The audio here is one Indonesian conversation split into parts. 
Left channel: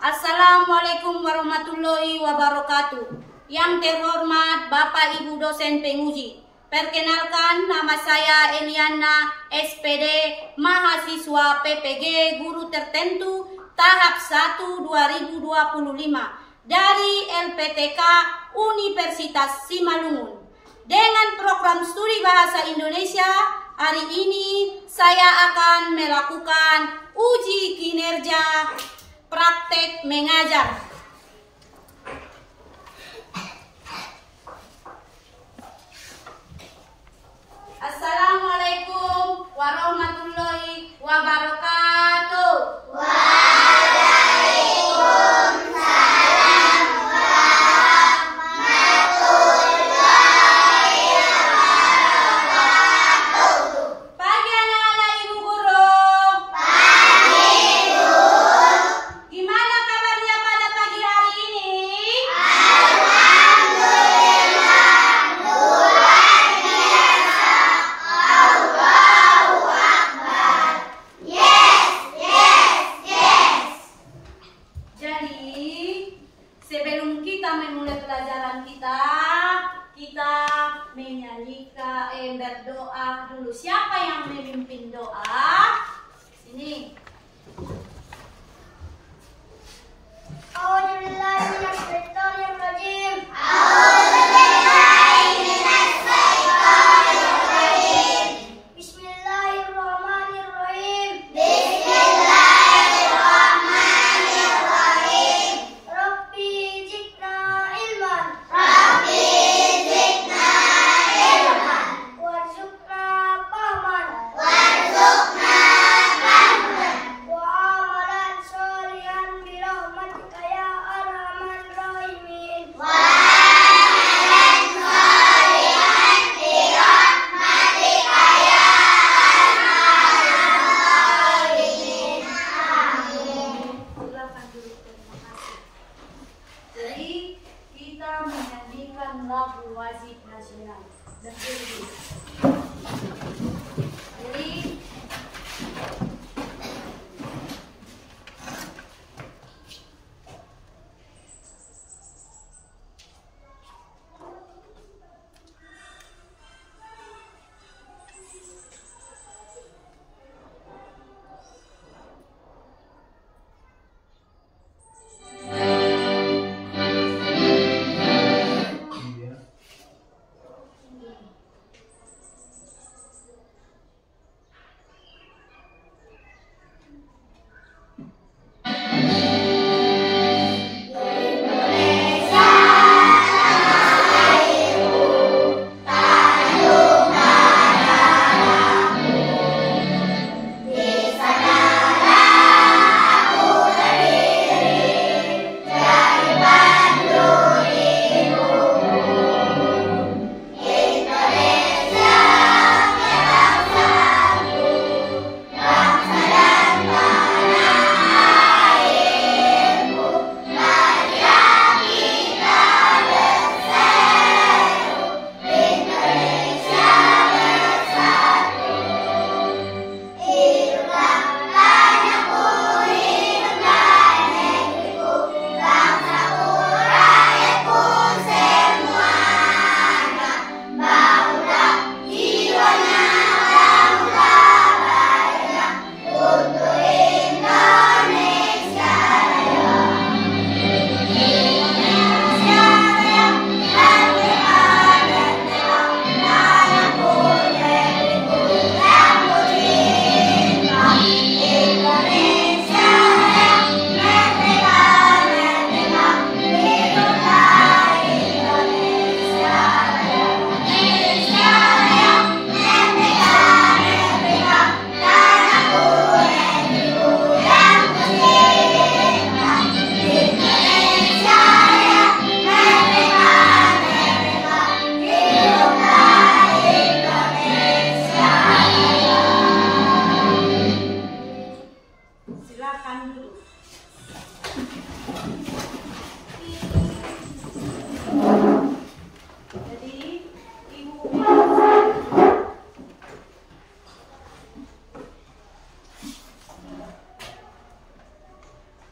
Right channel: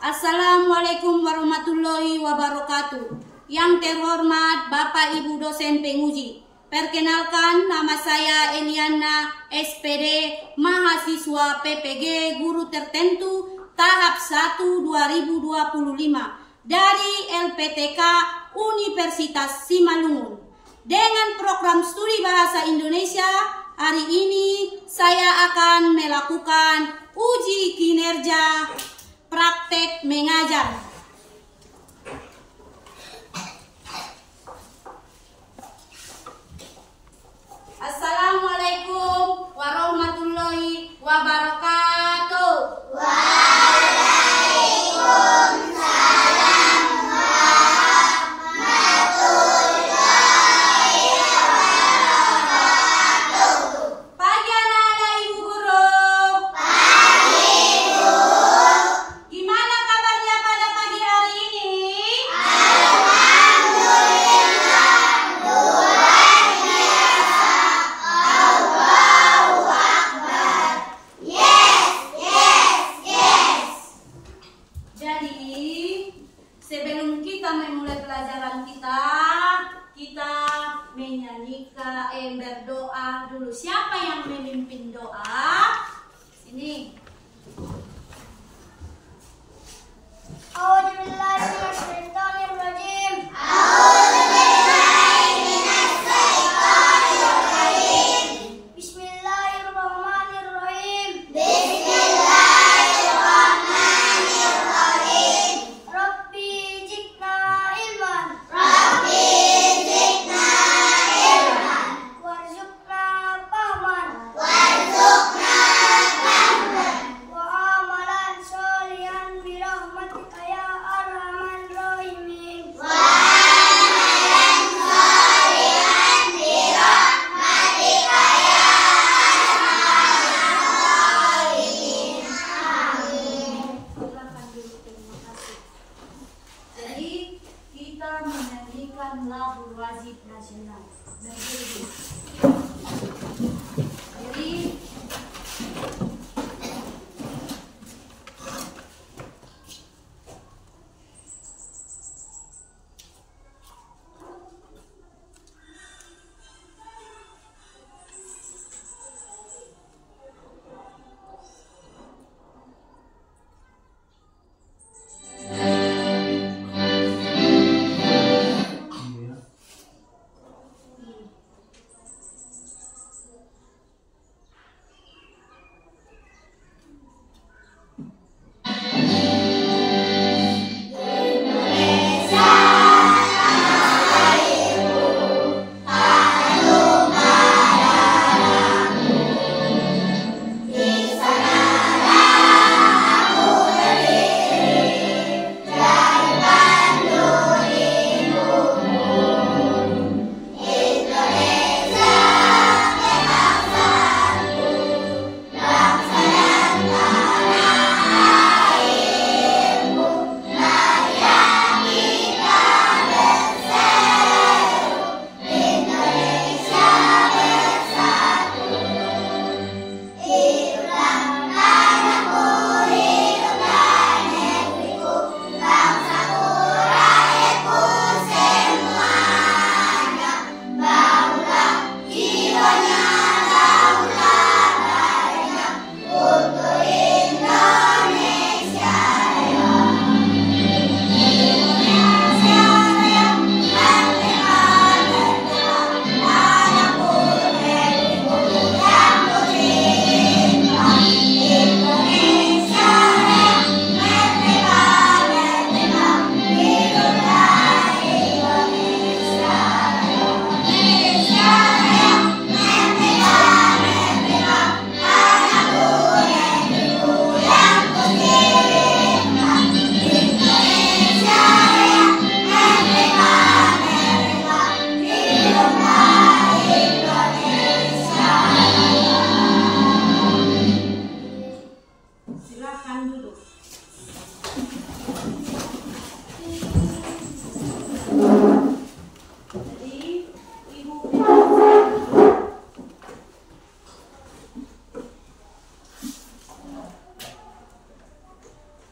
Assalamualaikum warahmatullahi wabarakatuh. Yang terhormat Bapak Ibu dosen penguji, perkenalkan nama saya Eliana SPD, mahasiswa PPG Guru Tertentu tahap 1 2025 dari LPTK Universitas Simalungun. Dengan program studi bahasa Indonesia, hari ini saya akan melakukan uji kinerja praktek mengajar. Assalamualaikum warahmatullahi wabarakatuh. Waalaikumsalam warahmatullahi wabarakatuh. Pagi anak-anak Ibu Guru. Pagi Bu. Gimana kabarnya pada pagi hari ini? Alhamdulillah, luar biasa. Allahu Akbar. Yes. Jadi, sebelum kita memulai pelajaran kita menyanyikan, berdoa dulu. Siapa yang memimpin doa? Sini. Bismillahirrahmanirrahim. Rabbi zidna ilman. Warzuqna fahman. Wa amalan sholihan bi rahmatika ya arhamar rahimin. Silakan dulu, terima kasih. Jadi kita menyanyikan lagu wajib nasional. Berdiri. Jadi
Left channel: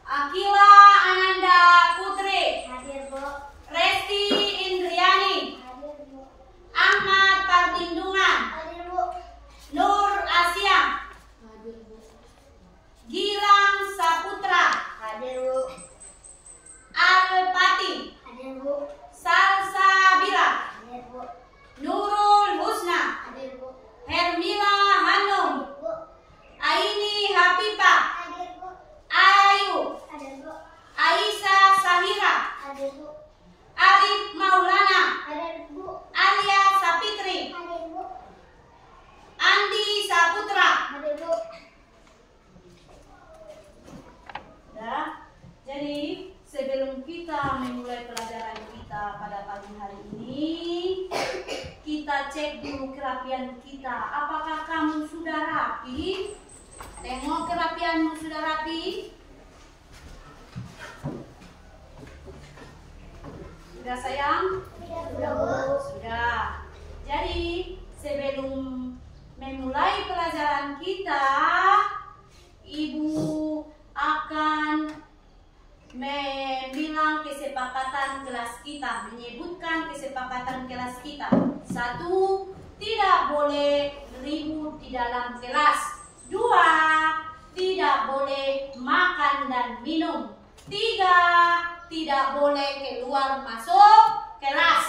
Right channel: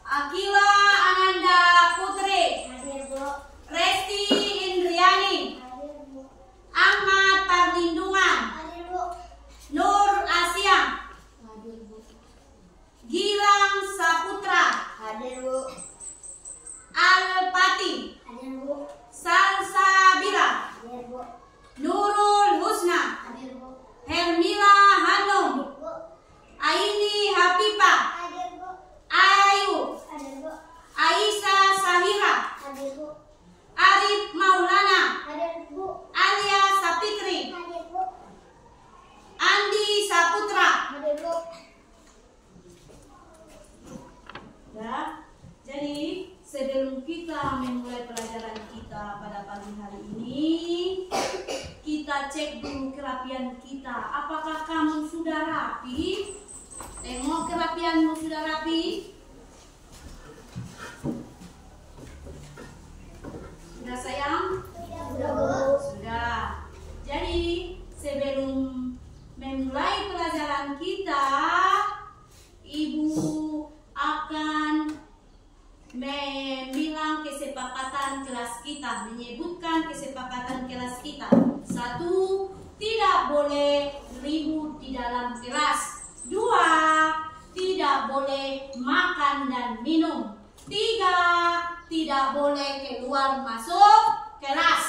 Akila kita, menyebutkan kesepakatan kelas kita. 1. Tidak boleh ribut di dalam kelas. 2. Tidak boleh makan dan minum. 3. Tidak boleh keluar masuk kelas.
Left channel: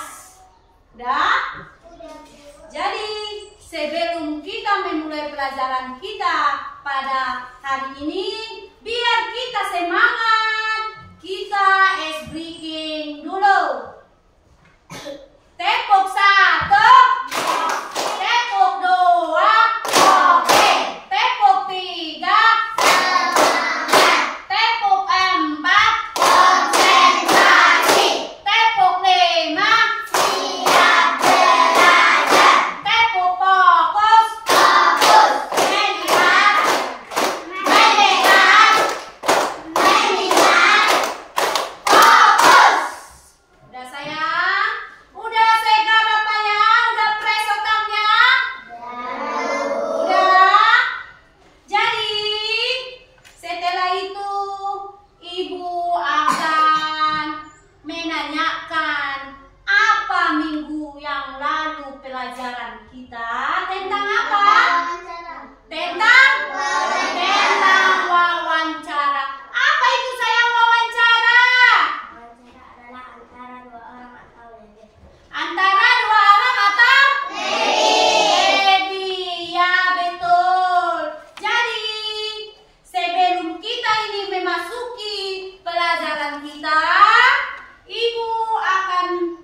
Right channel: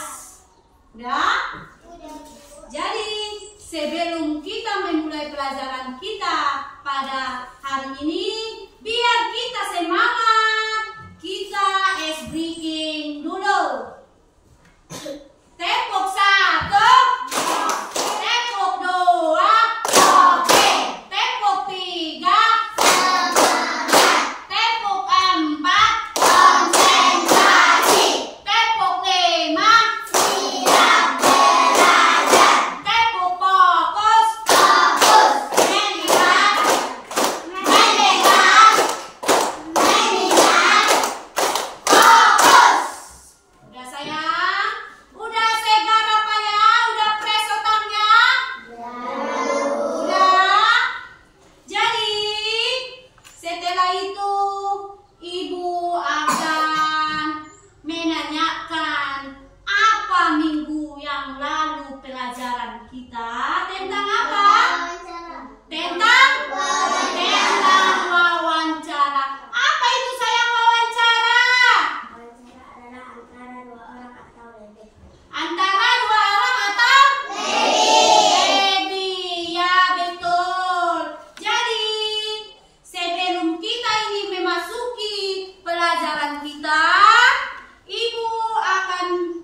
Udah? Jadi sebelum kita memulai pelajaran kita pada hari ini, biar kita semangat, kita ice breaking dulu. Tepuk 1, tepuk 2, oke. Tepuk 3, tepuk 4, konsentrasi. Tepuk 5, siap belajar. Tepuk fokus, mendengar, fokus. Udah sayang? Udah segar apanya? Udah fresh otaknya? Udah? Jadi setelah itu Ibu akan menanyakan apa minggu yang lalu pelajaran kita tentang apa? Tentang wawancara. Apa itu sayang wawancara? Antara dua orang atau lebih. Ya betul. Jadi sebelum kita ini memasuki pelajaran kita, Ibu akan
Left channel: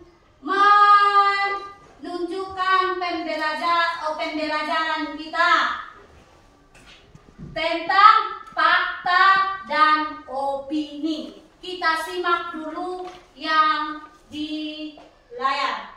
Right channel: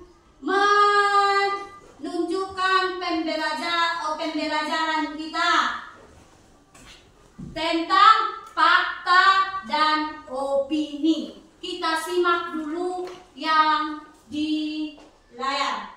menunjukkan pembelajaran kita tentang fakta dan opini. Kita simak dulu yang di layar.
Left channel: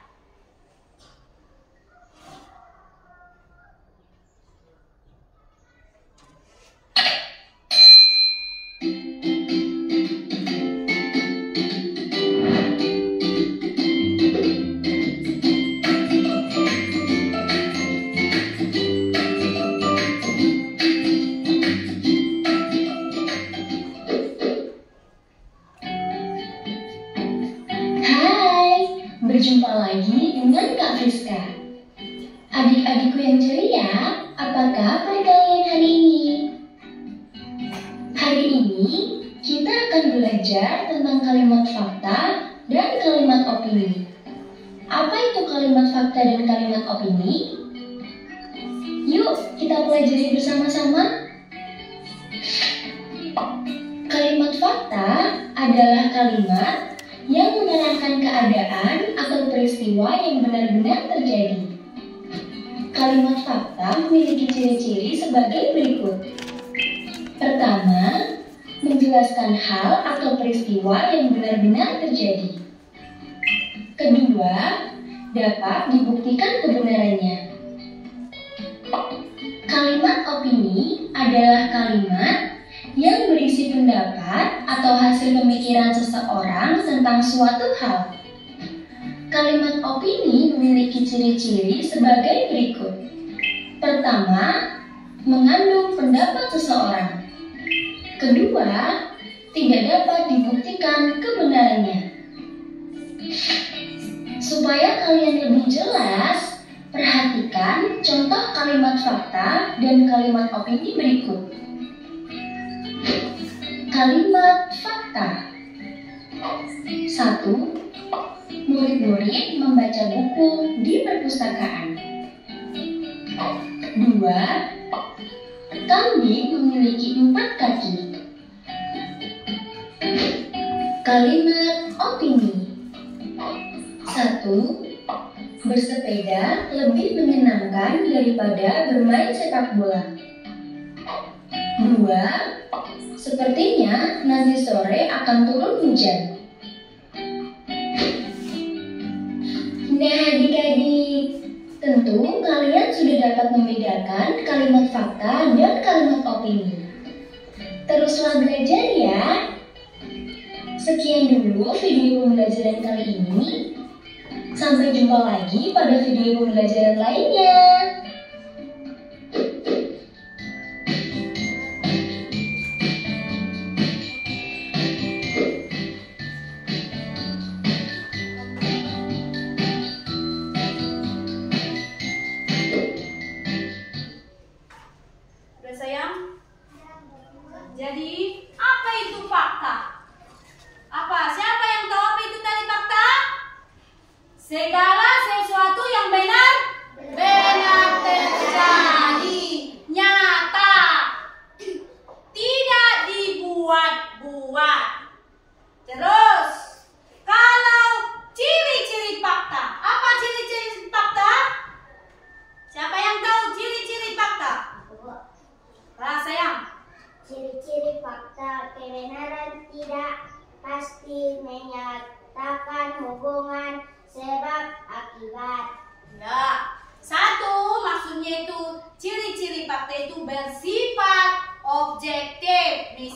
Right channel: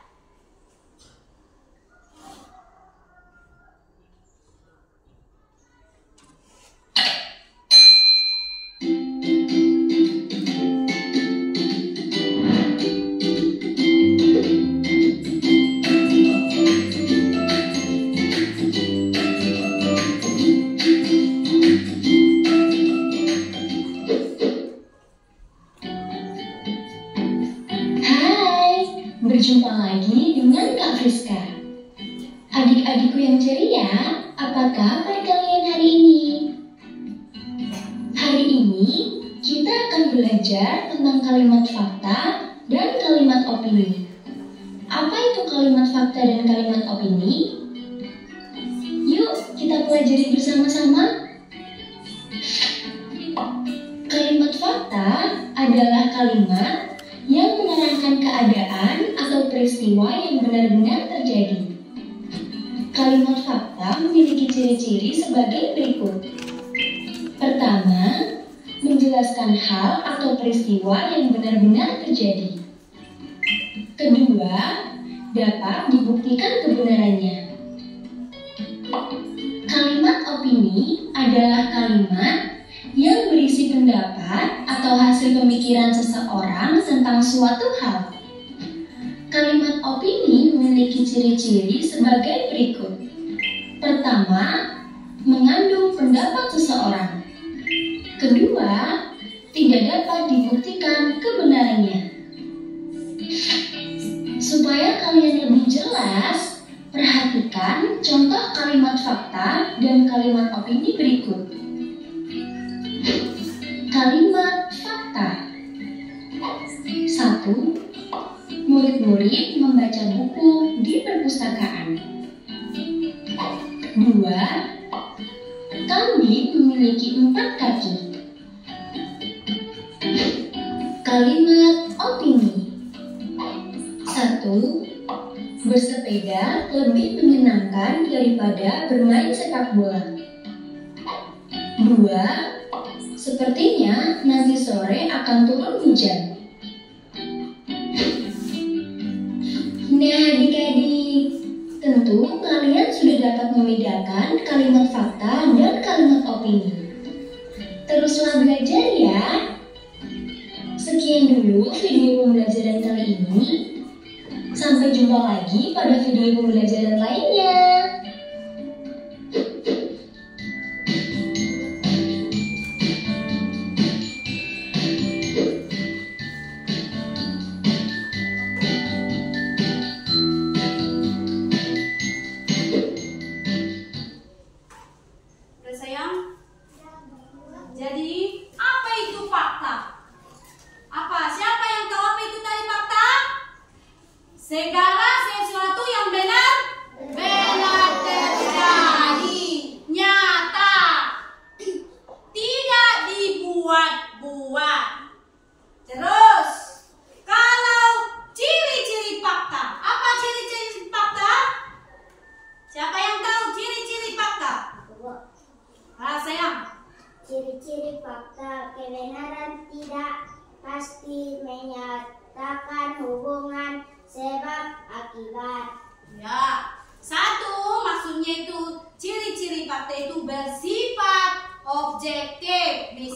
Berjumpa lagi dengan Kak Friska. Adik-adikku yang ceria, apa kabar kalian hari ini? Hari ini kita akan belajar tentang kalimat fakta dan kalimat opini. Apa itu kalimat fakta dan kalimat opini? Yuk kita pelajari bersama-sama. Kalimat fakta adalah kalimat yang menerangkan keadaan atau peristiwa yang benar-benar terjadi. Kalimat fakta memiliki ciri-ciri sebagai berikut. Pertama, menjelaskan hal atau peristiwa yang benar-benar terjadi. Kedua, dapat dibuktikan kebenarannya. Kalimat opini adalah kalimat yang berisi pendapat atau hasil pemikiran seseorang tentang suatu hal. Kalimat opini memiliki ciri-ciri sebagai berikut. Pertama, mengandung pendapat seseorang. Kedua, tidak dapat dibuktikan kebenarannya. Supaya kalian lebih jelas, perhatikan contoh kalimat fakta dan kalimat opini berikut. Kalimat fakta. 1. Murid-murid membaca buku di perpustakaan. 2. Kambing memiliki 4 kaki. Kalimat opini. 1. Bersepeda lebih menyenangkan daripada bermain sepak bola. 2. Sepertinya nanti sore akan turun hujan. Nah adik-adik, tentu kalian sudah dapat membedakan kalimat fakta dan kalimat opini. Teruslah belajar ya. Sekian dulu video pembelajaran kali ini. Sampai jumpa lagi pada video pembelajaran lainnya.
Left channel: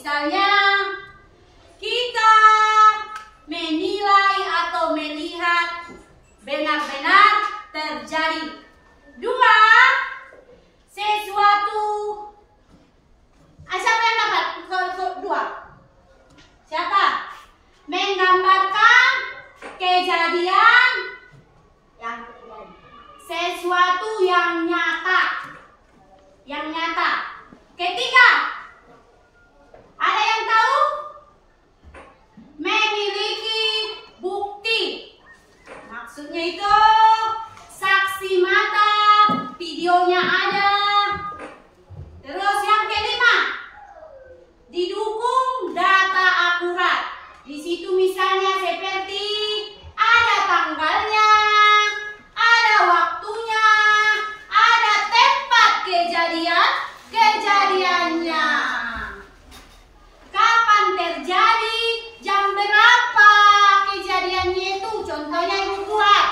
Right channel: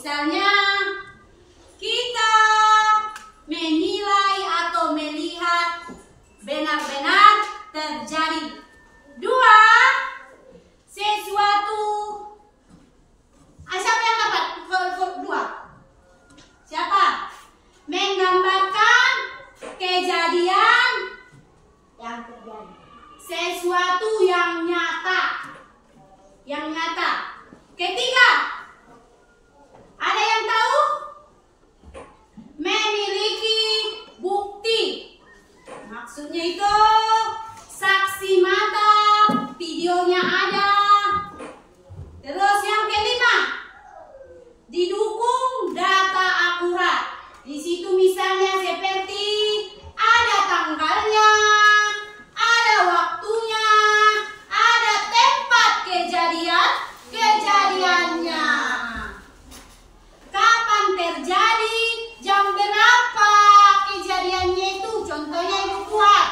Misalnya kita menilai atau melihat benar-benar terjadi. 2, sesuatu. Siapa yang dapat? 2. Siapa? Menggambarkan kejadian Yang terjadi. sesuatu yang nyata. Yang nyata. Ketiga, ada yang tahu? Memiliki bukti. Maksudnya itu saksi mata, videonya ada. Terus yang kelima, didukung data akurat. Di situ misalnya seperti ada tanggalnya, ada waktunya, ada tempat kejadiannya. Kapan terjadi, jam berapa kejadiannya itu. Contohnya ibu buat.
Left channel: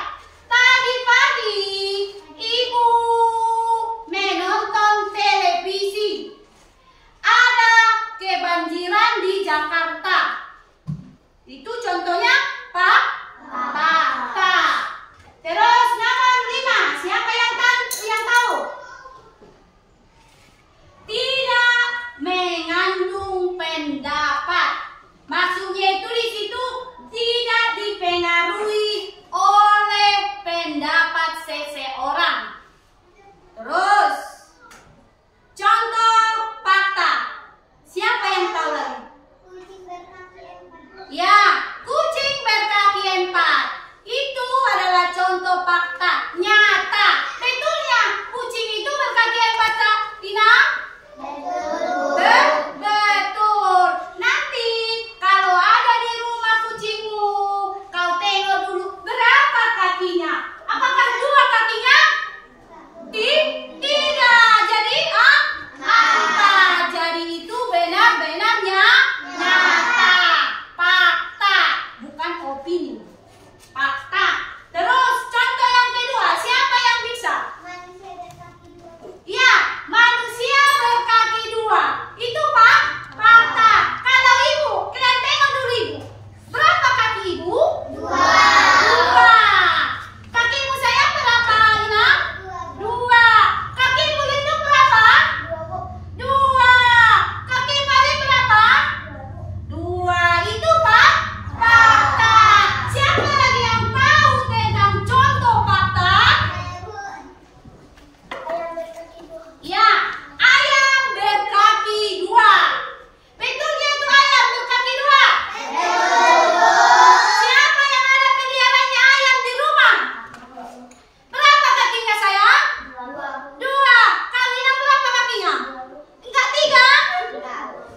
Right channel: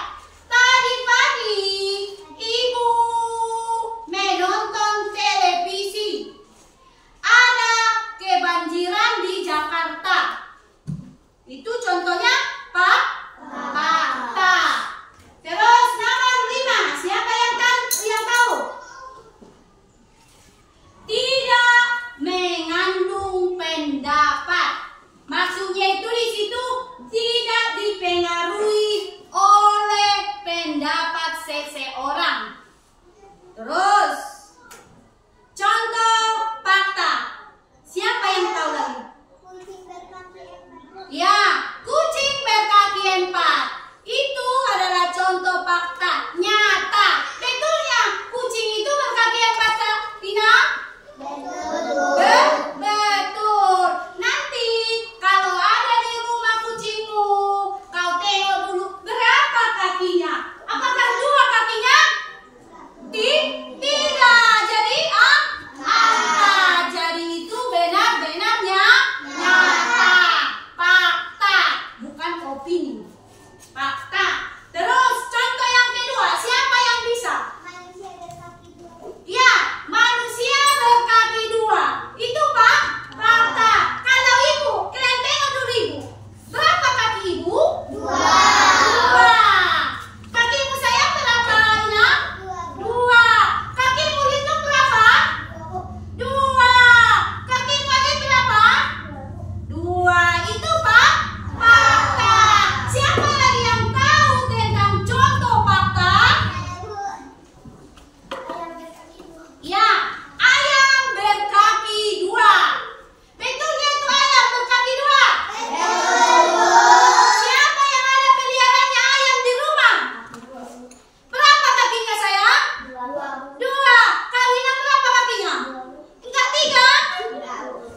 Tadi pagi ibu menonton televisi. Ada kebanjiran di Jakarta. Itu contohnya fakta. Terus nomor 5, siapa yang tahu? Tidak mengandung pendapat. Maksudnya itu di situ tidak dipengaruhi oleh pendapat seseorang. Terus contoh fakta. Siapa yang tahu lagi? Kucing berkaki 4. Ya, kucing berkaki 4. Itu adalah contoh fakta nyata. Betulnya kucing itu berkaki 4, tak? Tina? Betul. Nanti kalau ada di rumah kucingmu, kau tengok dulu berapa kakinya. Apakah 2 kakinya? Tidak. Jadi apa? Jadi itu benar-benarnya nyata. Fakta, bukan opini. Fakta. Terus contoh yang kedua, siapa yang bisa? Manusia berkaki 2. Ya, manusia berkaki 2. Itu fakta. Kalau ibu, kalian tengok dulu ibu. Berapa kaki ibu? 2. Kakimu saya berapa, Ina? 2. Kakimu itu berapa? 2. Kaki Mari berapa? 2. Itu fakta. Siapa lagi yang tahu tentang contoh fakta? Ayam berkaki 2. Ya, ayam berkaki 2. Betulnya itu ayam berkaki 2? Siapa yang ada peliharaannya ayam di rumah? Berapa kakinya sayang? 2. Kawinan berapa kakinya? Enggak 3?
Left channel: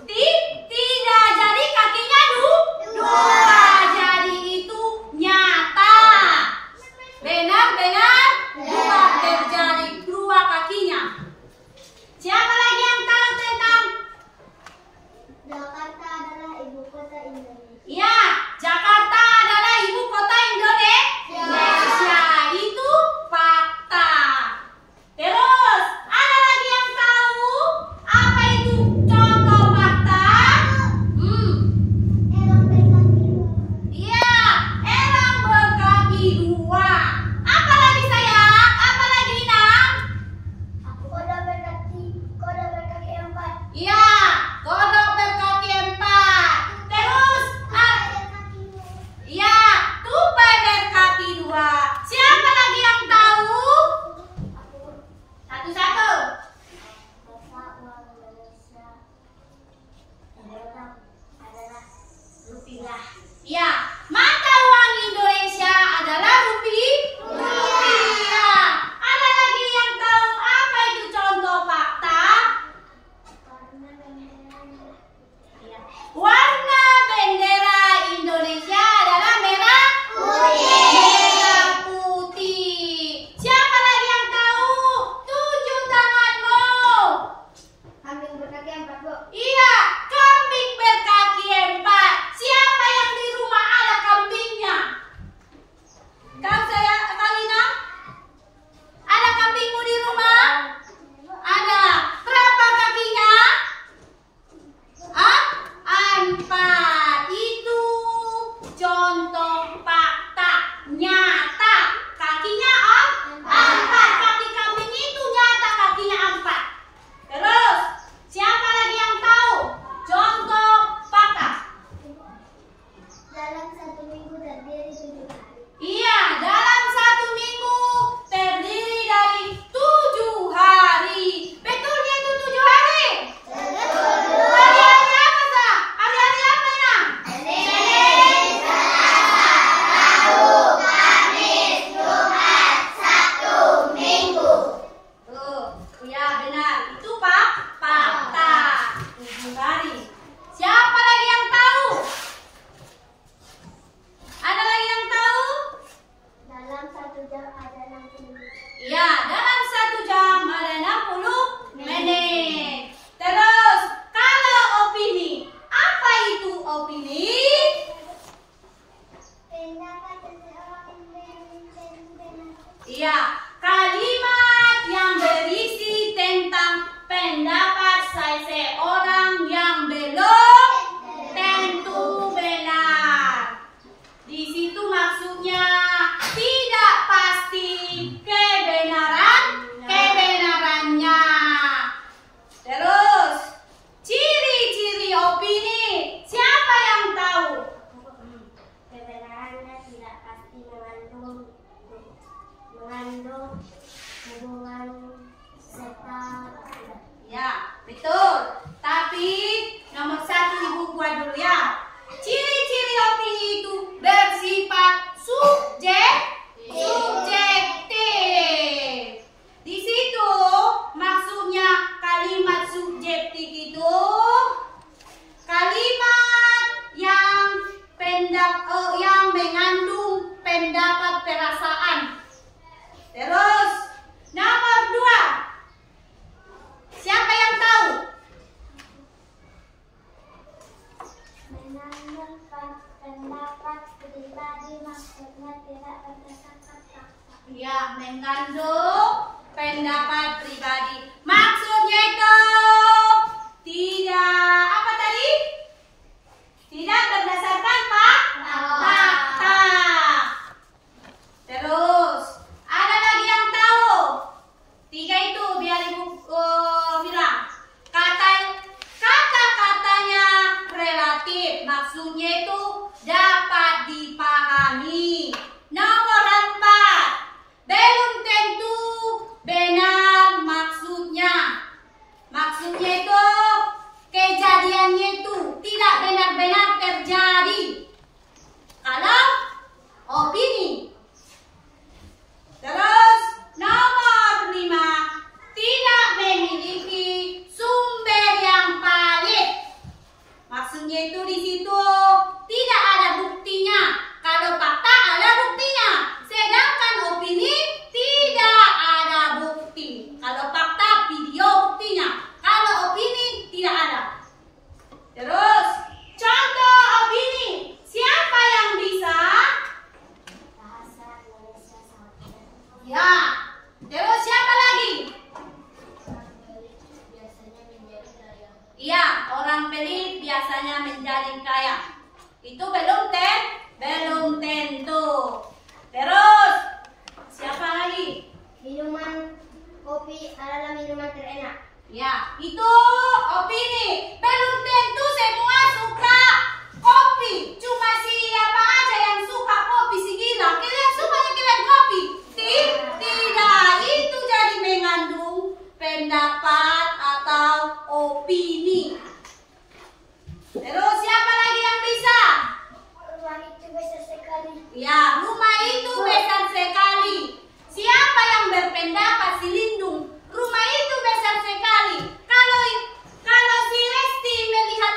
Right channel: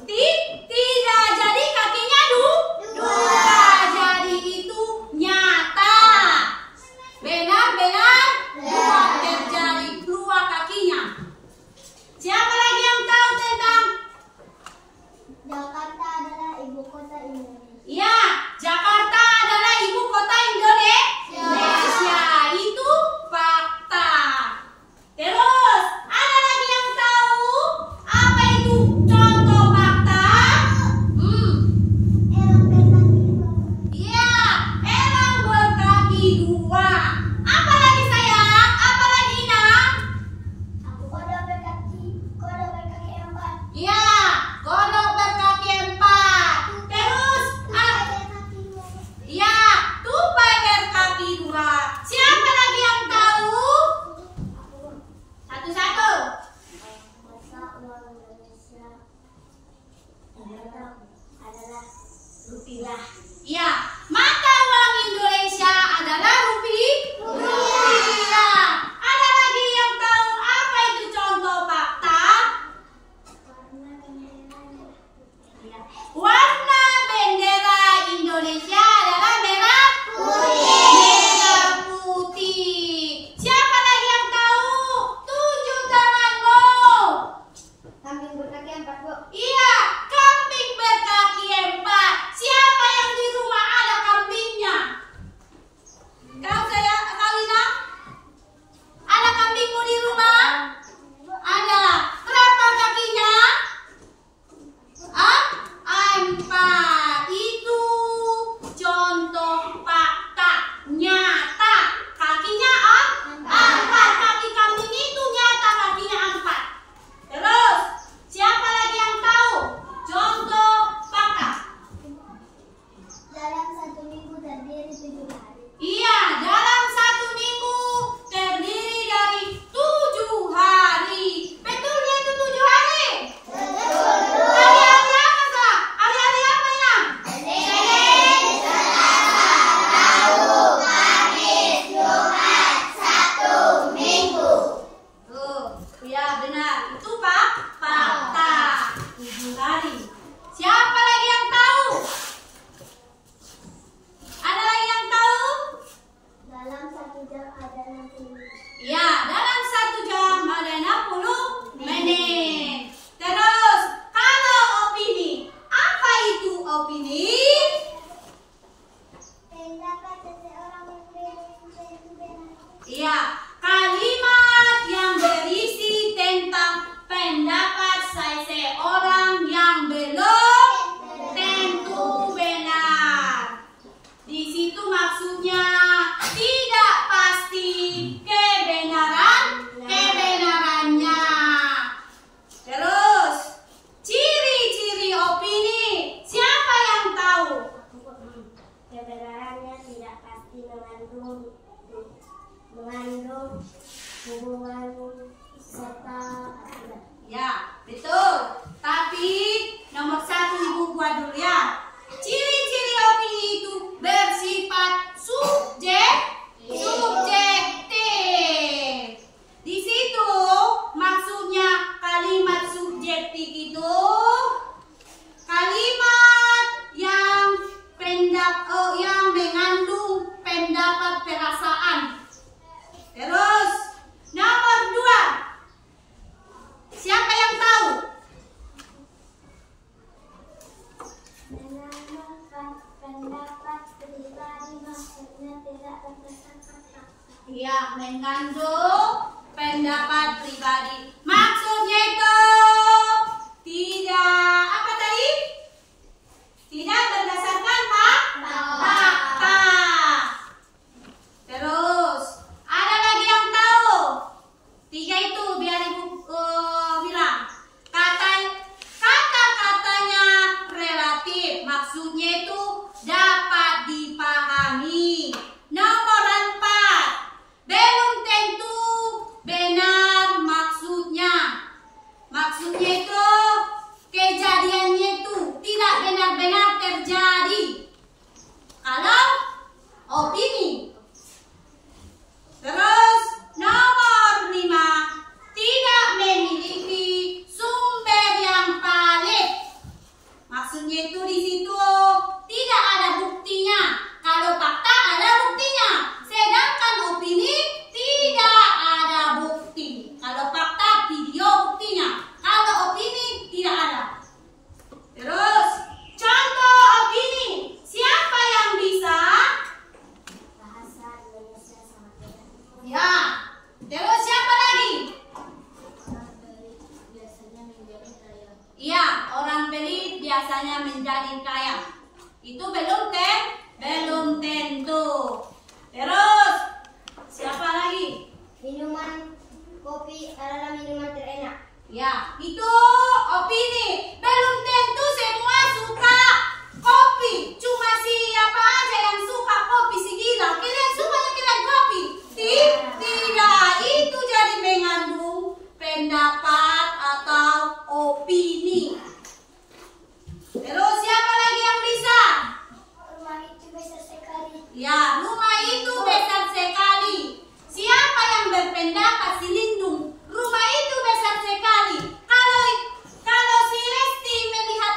Tidak, jadi kakinya 2. Jadi itu nyata. Benar-benar terjadi 2 kakinya. Siapa lagi yang tahu tentang? Jakarta adalah ibu kota Indonesia. Ya, Jakarta adalah ibu kota Indonesia. Itu fakta. Terus, ada lagi yang tahu apa itu contoh fakta? Elang berkaki 2. Ya, elang berkaki 2. Apa lagi sayang? Apa lagi Inang? Kodok berkaki 4. Ya, kodok berkaki 4. Terus, Berkaki 2. ya, tupai berkaki 2. Siapa lagi yang tahu? Satu-satu. Mata uang Indonesia adalah rupiah. Ya, mata uang Indonesia adalah rupiah. Ada lagi yang tahu apa itu contoh fakta? Karena benderanya Warna bendera Indonesia adalah merah putih. Siapa lagi yang tahu? 7 tanganmu. kambing berkaki 4, Bu. Iya, kambing berkaki 4. Siapa yang di rumah ada empat itu contoh fakta nyata. Kakinya empat. Kaki kambing itu nyata kakinya empat. Terus siapa lagi yang tahu contoh fakta? Dalam 1 minggu terdiri 7 hari. Iya, dalam 1 minggu terdiri dari 7 hari. Betulnya itu 7 hari? Hari-hari apa, Sa? Hari-hari apa ya? Senin, Selasa, Rabu, Kamis, Jumat, Sabtu, Minggu. Tuh, ya benar. Itu fakta. 7 hari. Siapa lagi yang tahu? Ada lagi yang tahu? Dalam 1 jam ada 60 menit. Ya, dalam 1 jam ada 60 menit. Terus, kalau opini, apa itu opini? Pendapat seseorang yang belum tentu benar. Iya, kalimat yang berisi tentang pendapat seseorang yang belum tentu benar. Di situ maksudnya tidak pasti kebenarannya. Terus, ciri-ciri opini. Siapa yang tahu? Kebenarannya tidak pasti mengandung hubungan serta Ya, betul. Tapi nomor 1 Ibu buat dulu ya. Ciri-ciri opini itu bersifat subjektif. Di situ maksudnya kalimat subjektif itu kalimat yang mengandung pendapat perasaan. Terus nomor 2. Siapa yang tahu? menanyakan pendapat pribadi maksudnya tidak berdasarkan fakta. Ya, mengandung pendapat pribadi. Maksudnya itu tidak apa tadi? Tidak berdasarkan fakta. Terus, ada lagi yang tahu? 3 itu biar Ibu bilang. Kata-katanya relatif. Maksudnya itu dapat dipahami. Nomor 4. Belum tentu benar maksudnya. Maksudnya itu kejadiannya itu tidak benar-benar terjadi. Kalau opini. Terus nomor 5. Tidak memiliki sumber yang valid. Maksudnya itu di situ tidak ada buktinya. Kalau fakta ada buktinya. Sedangkan opini tidak ada bukti. Kalau fakta video buktinya. Kalau opini tidak ada. Terus contoh opini. Siapa yang bisa? Bahasa Indonesia sangat benar. Ya. Terus siapa lagi? Biasanya menjadi kaya. Iya, orang pelit biasanya menjadi kaya. Itu belum tentu. Terus siapa lagi? Minuman kopi adalah minuman terenak. Ya, itu opini. Belum tentu semua suka kopi. Cuma siapa aja yang suka kopi si gila. Kalian sukanya kalian kopi? Tidak, itu jadi mengandung pendapat atau opini. Terus siapa lagi yang bisa? Rumah itu besar sekali. Ya, rumah itu besar sekali. Siapa yang berpendapat si Lindung? Rumah itu besar sekali. Kalau si Resti melihat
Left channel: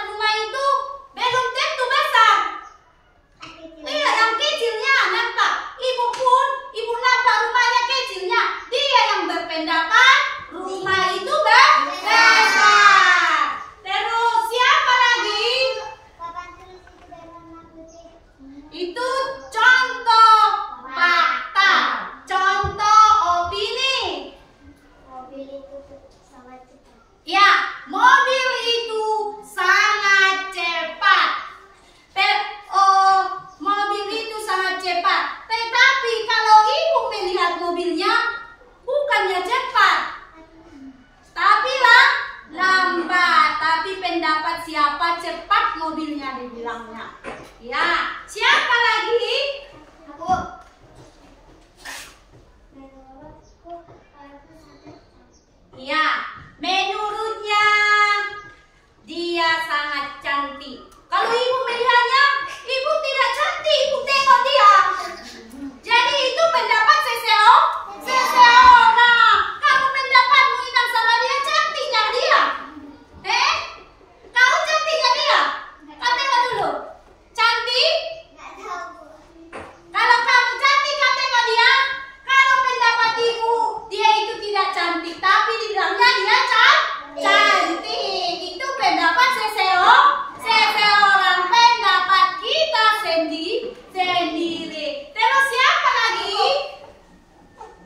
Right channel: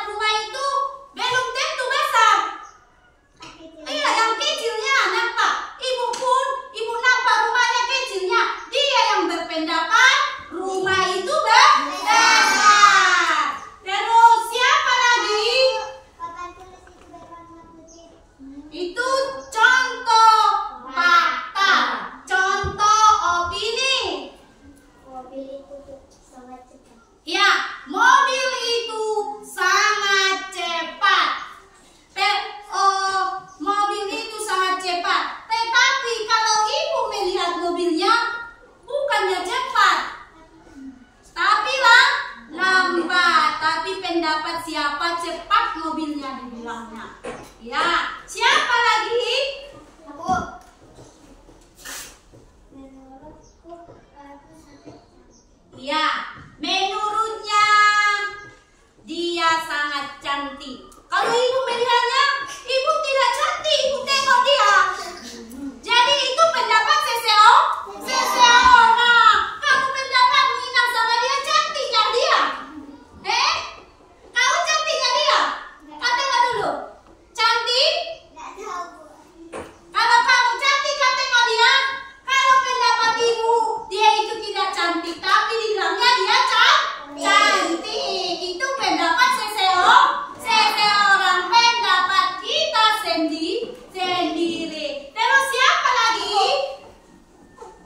panggilnya dibilangnya. Ya, siapa lagi? Aku. Iya, menurutnya dia sangat cantik. Kalau ibu bilangnya, ibu tidak cantik, ibu tengok dia. Jadi itu pendapat seseorang. Kamu pendapat menginap sama dia, cantik gak dia? Kamu cantik gak dia? Kau tengok dulu. Cantik? Kalau kamu cantik, kau tengok dia. Kalau pendapat ibu, dia itu tidak cantik, tapi dibilangnya dia cantik. Itu pendapat seseorang. Pendapat kita sendiri. Terus siapa lagi?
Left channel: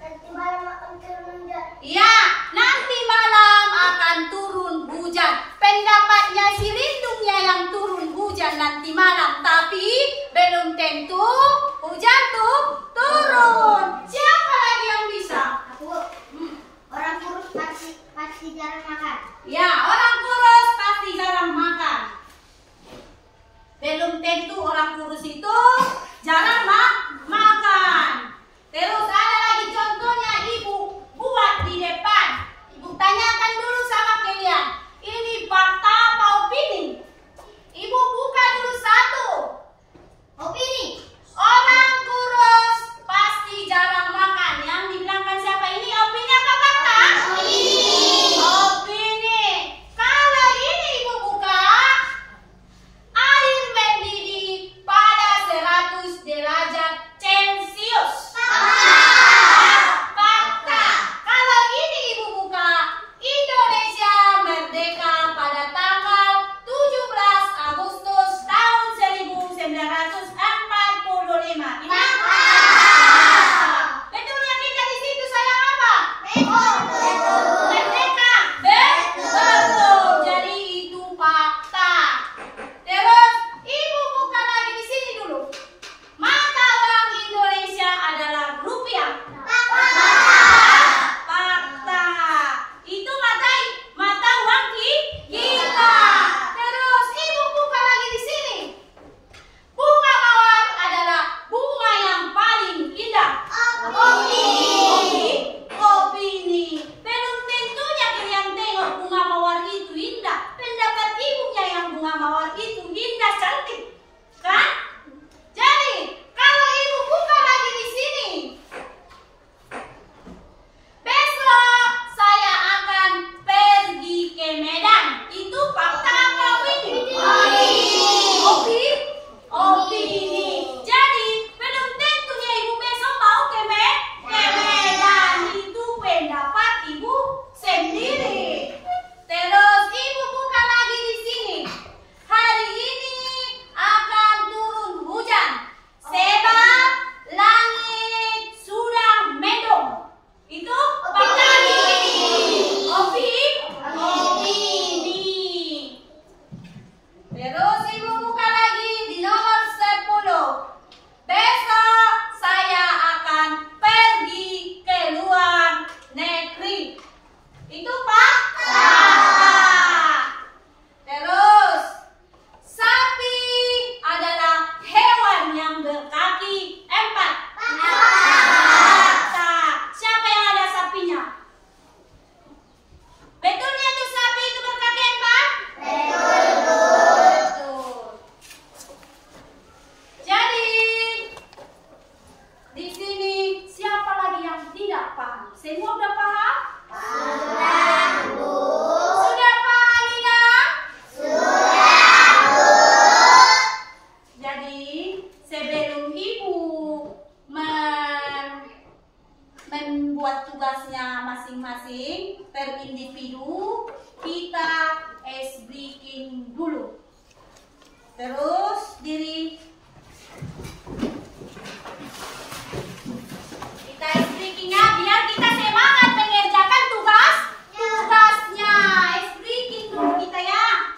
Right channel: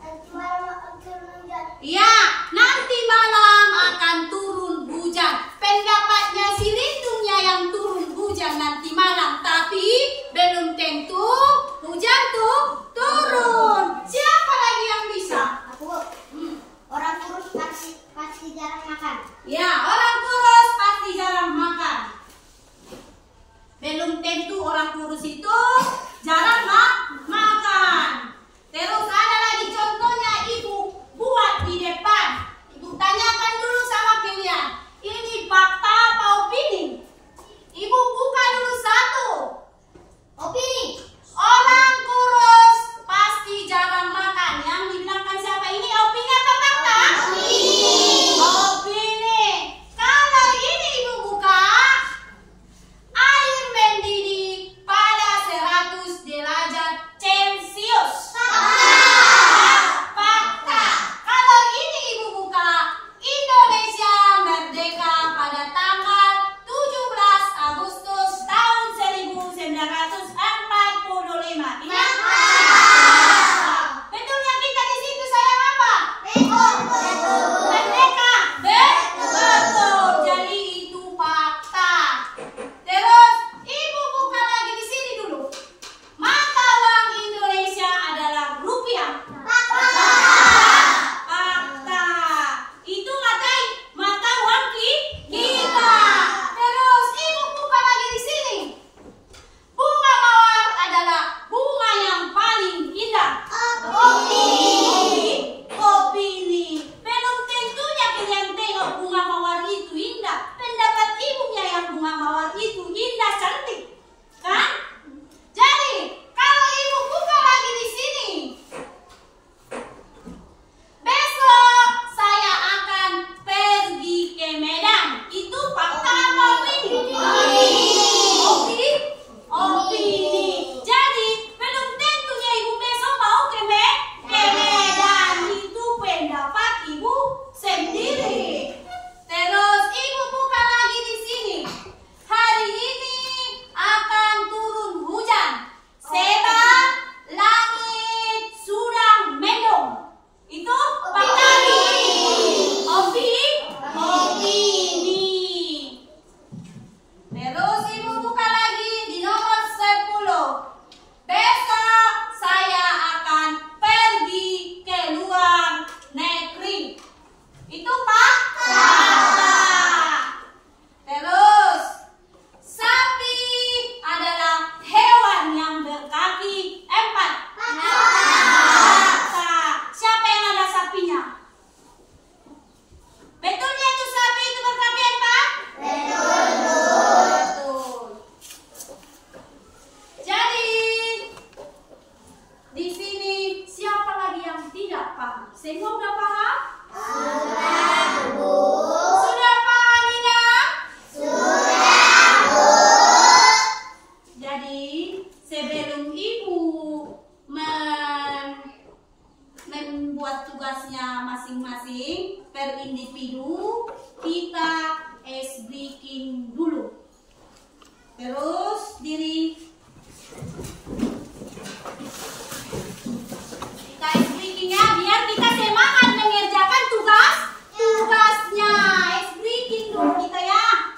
Nanti malam akan turun hujan. Ya, nanti malam akan turun hujan. Pendapatnya si Lindungnya yang turun hujan nanti malam, tapi belum tentu hujan tuh turun. Siapa lagi yang bisa? Aku. Orang kurus pasti jarang makan. Ya, orang kurus pasti jarang makan. Belum tentu orang kurus itu jarang makan. Terus ada lagi contohnya, ibu buat di depan. Ibu tanyakan dulu sama kalian, ini fakta apa opini? Ibu buka dulu satu. Opini. Orang kurus pasti jarang makan. Yang dibilangkan siapa ini? Opini apa fakta? Opini. Kalau ini ibu buka, air mendidih pada 100 derajat Celcius. Fakta. Kalau ini ibu buka, Indonesia merdeka pada tanggal 17 Agustus tahun 1945. Ini fakta. Betulnya kita di situ sayang apa? Merdeka. Betul. Jadi itu fakta. Terus ibu buka lagi di sini dulu. Mata uang Indonesia adalah rupiah. Fakta. Itu mata uang kita. Terus ibu buka lagi di sini. Bunga mawar adalah bunga yang paling indah. Opini. Belum tentunya kalian tengok bunga mawar itu indah. Pendapat ibunya yang bunga mawar itu indah, cantik, kan? Jadi kalau ibu buka lagi di sini, besok saya akan pergi ke Medan. Itu fakta apa opini? Opini. Jadi belum tentunya ibu besok mau ke Medan. Itu pendapat ibu sendiri. Terus ibu buka lagi di sini. Hari ini akan turun hujan. Sebab langit sudah mendung. Itu fakta. Opini. Terus ibu buka lagi di nomor 10. Besok saya akan pergi ke luar negeri. Itu fakta. Terus sapi adalah hewan yang berkaki 4. Fakta. Siapa yang ada sapinya? Betulnya itu sapi itu berkaki 4? Betul. Jadi di sini siapa lagi yang tidak paham? Semua udah paham? Sudah paham ya? Jadi sebelum ibu membuat tugasnya masing-masing per individu, kita ice breaking dulu. Terus kita ice breakingnya biar kita semangat mengerjakan tugasnya. Ice breaking dulu kita ya.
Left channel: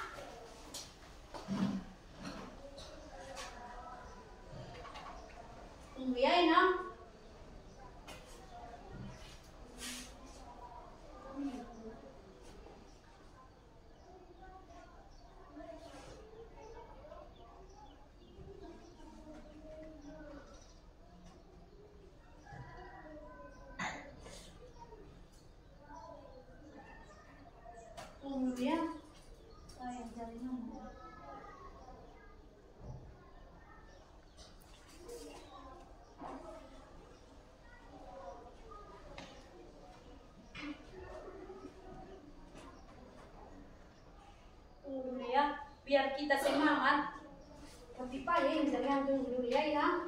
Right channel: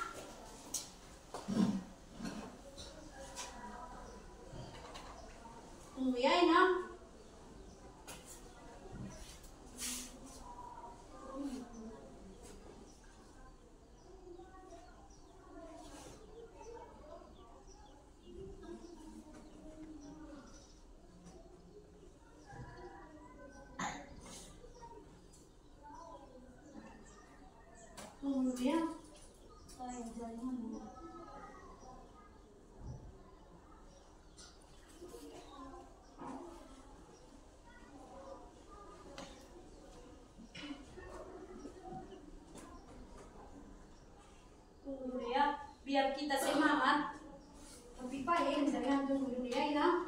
Tunggu ya Inang. biar kita semangat. Tapi Pak ya, jangan tunggu dulu ya.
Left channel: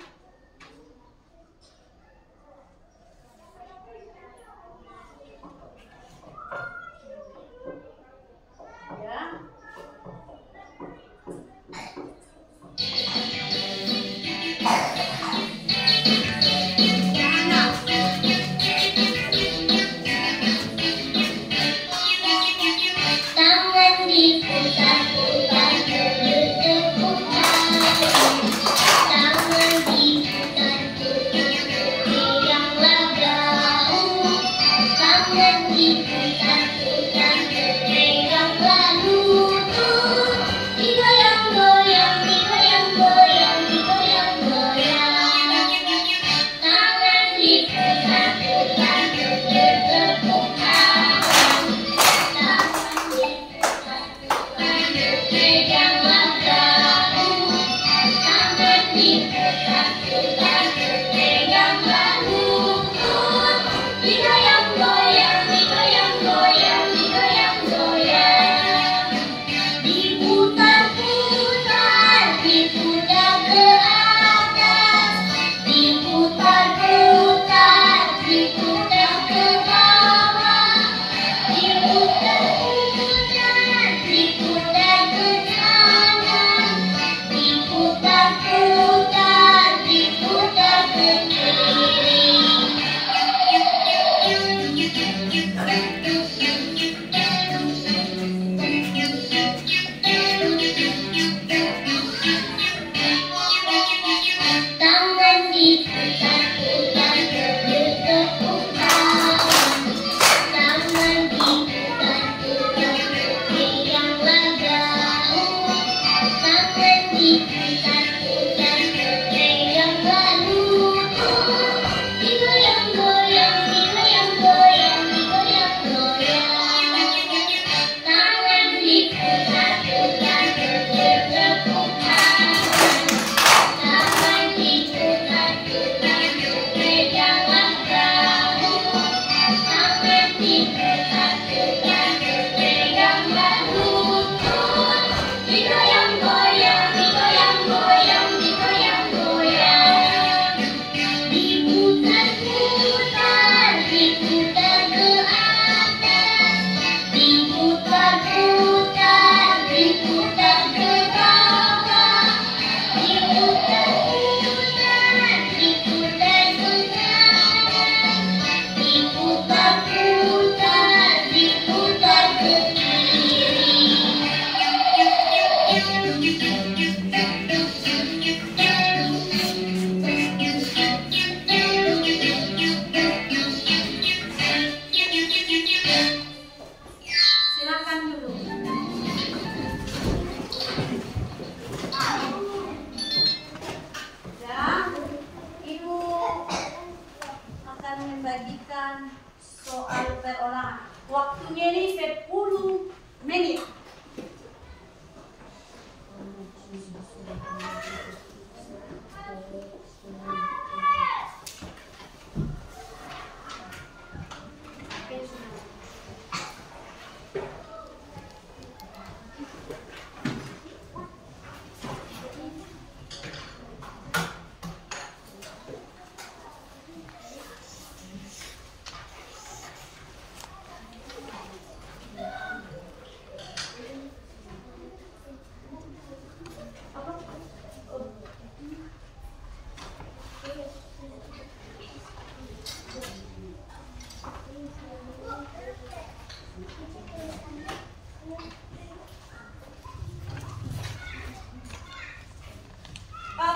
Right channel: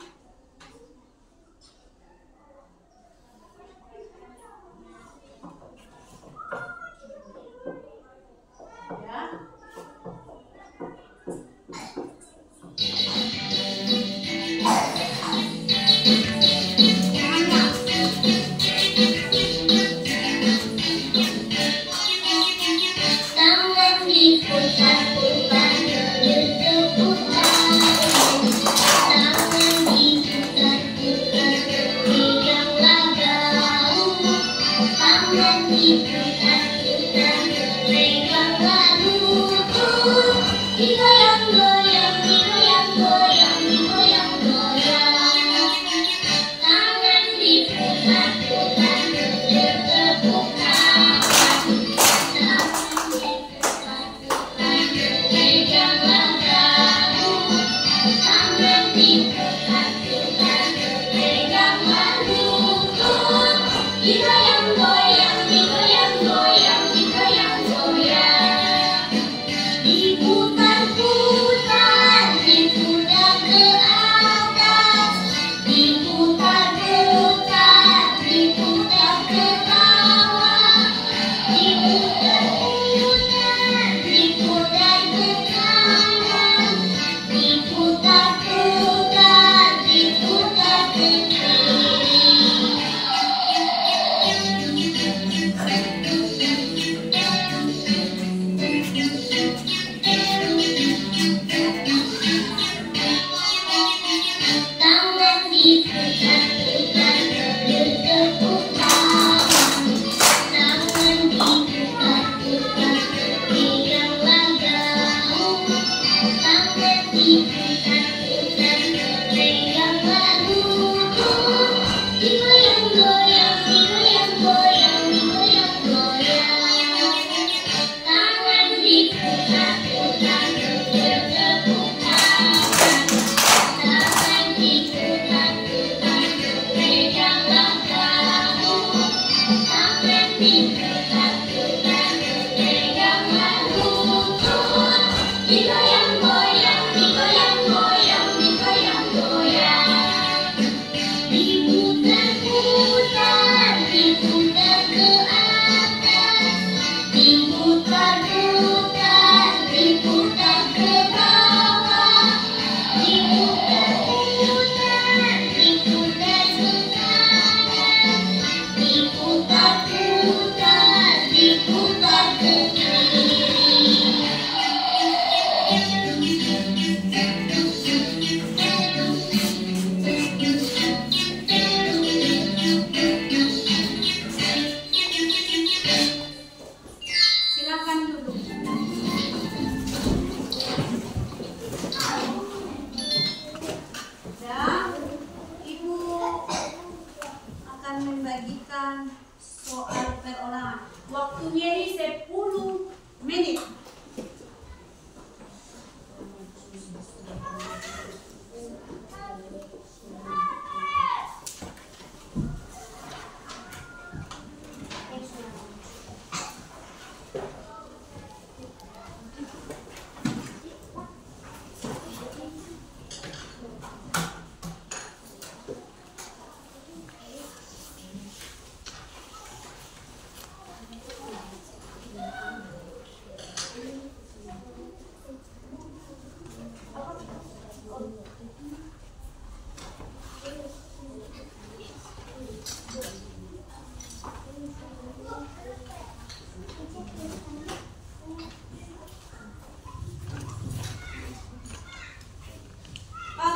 Soal perorangan. Waktunya ini 10 menit.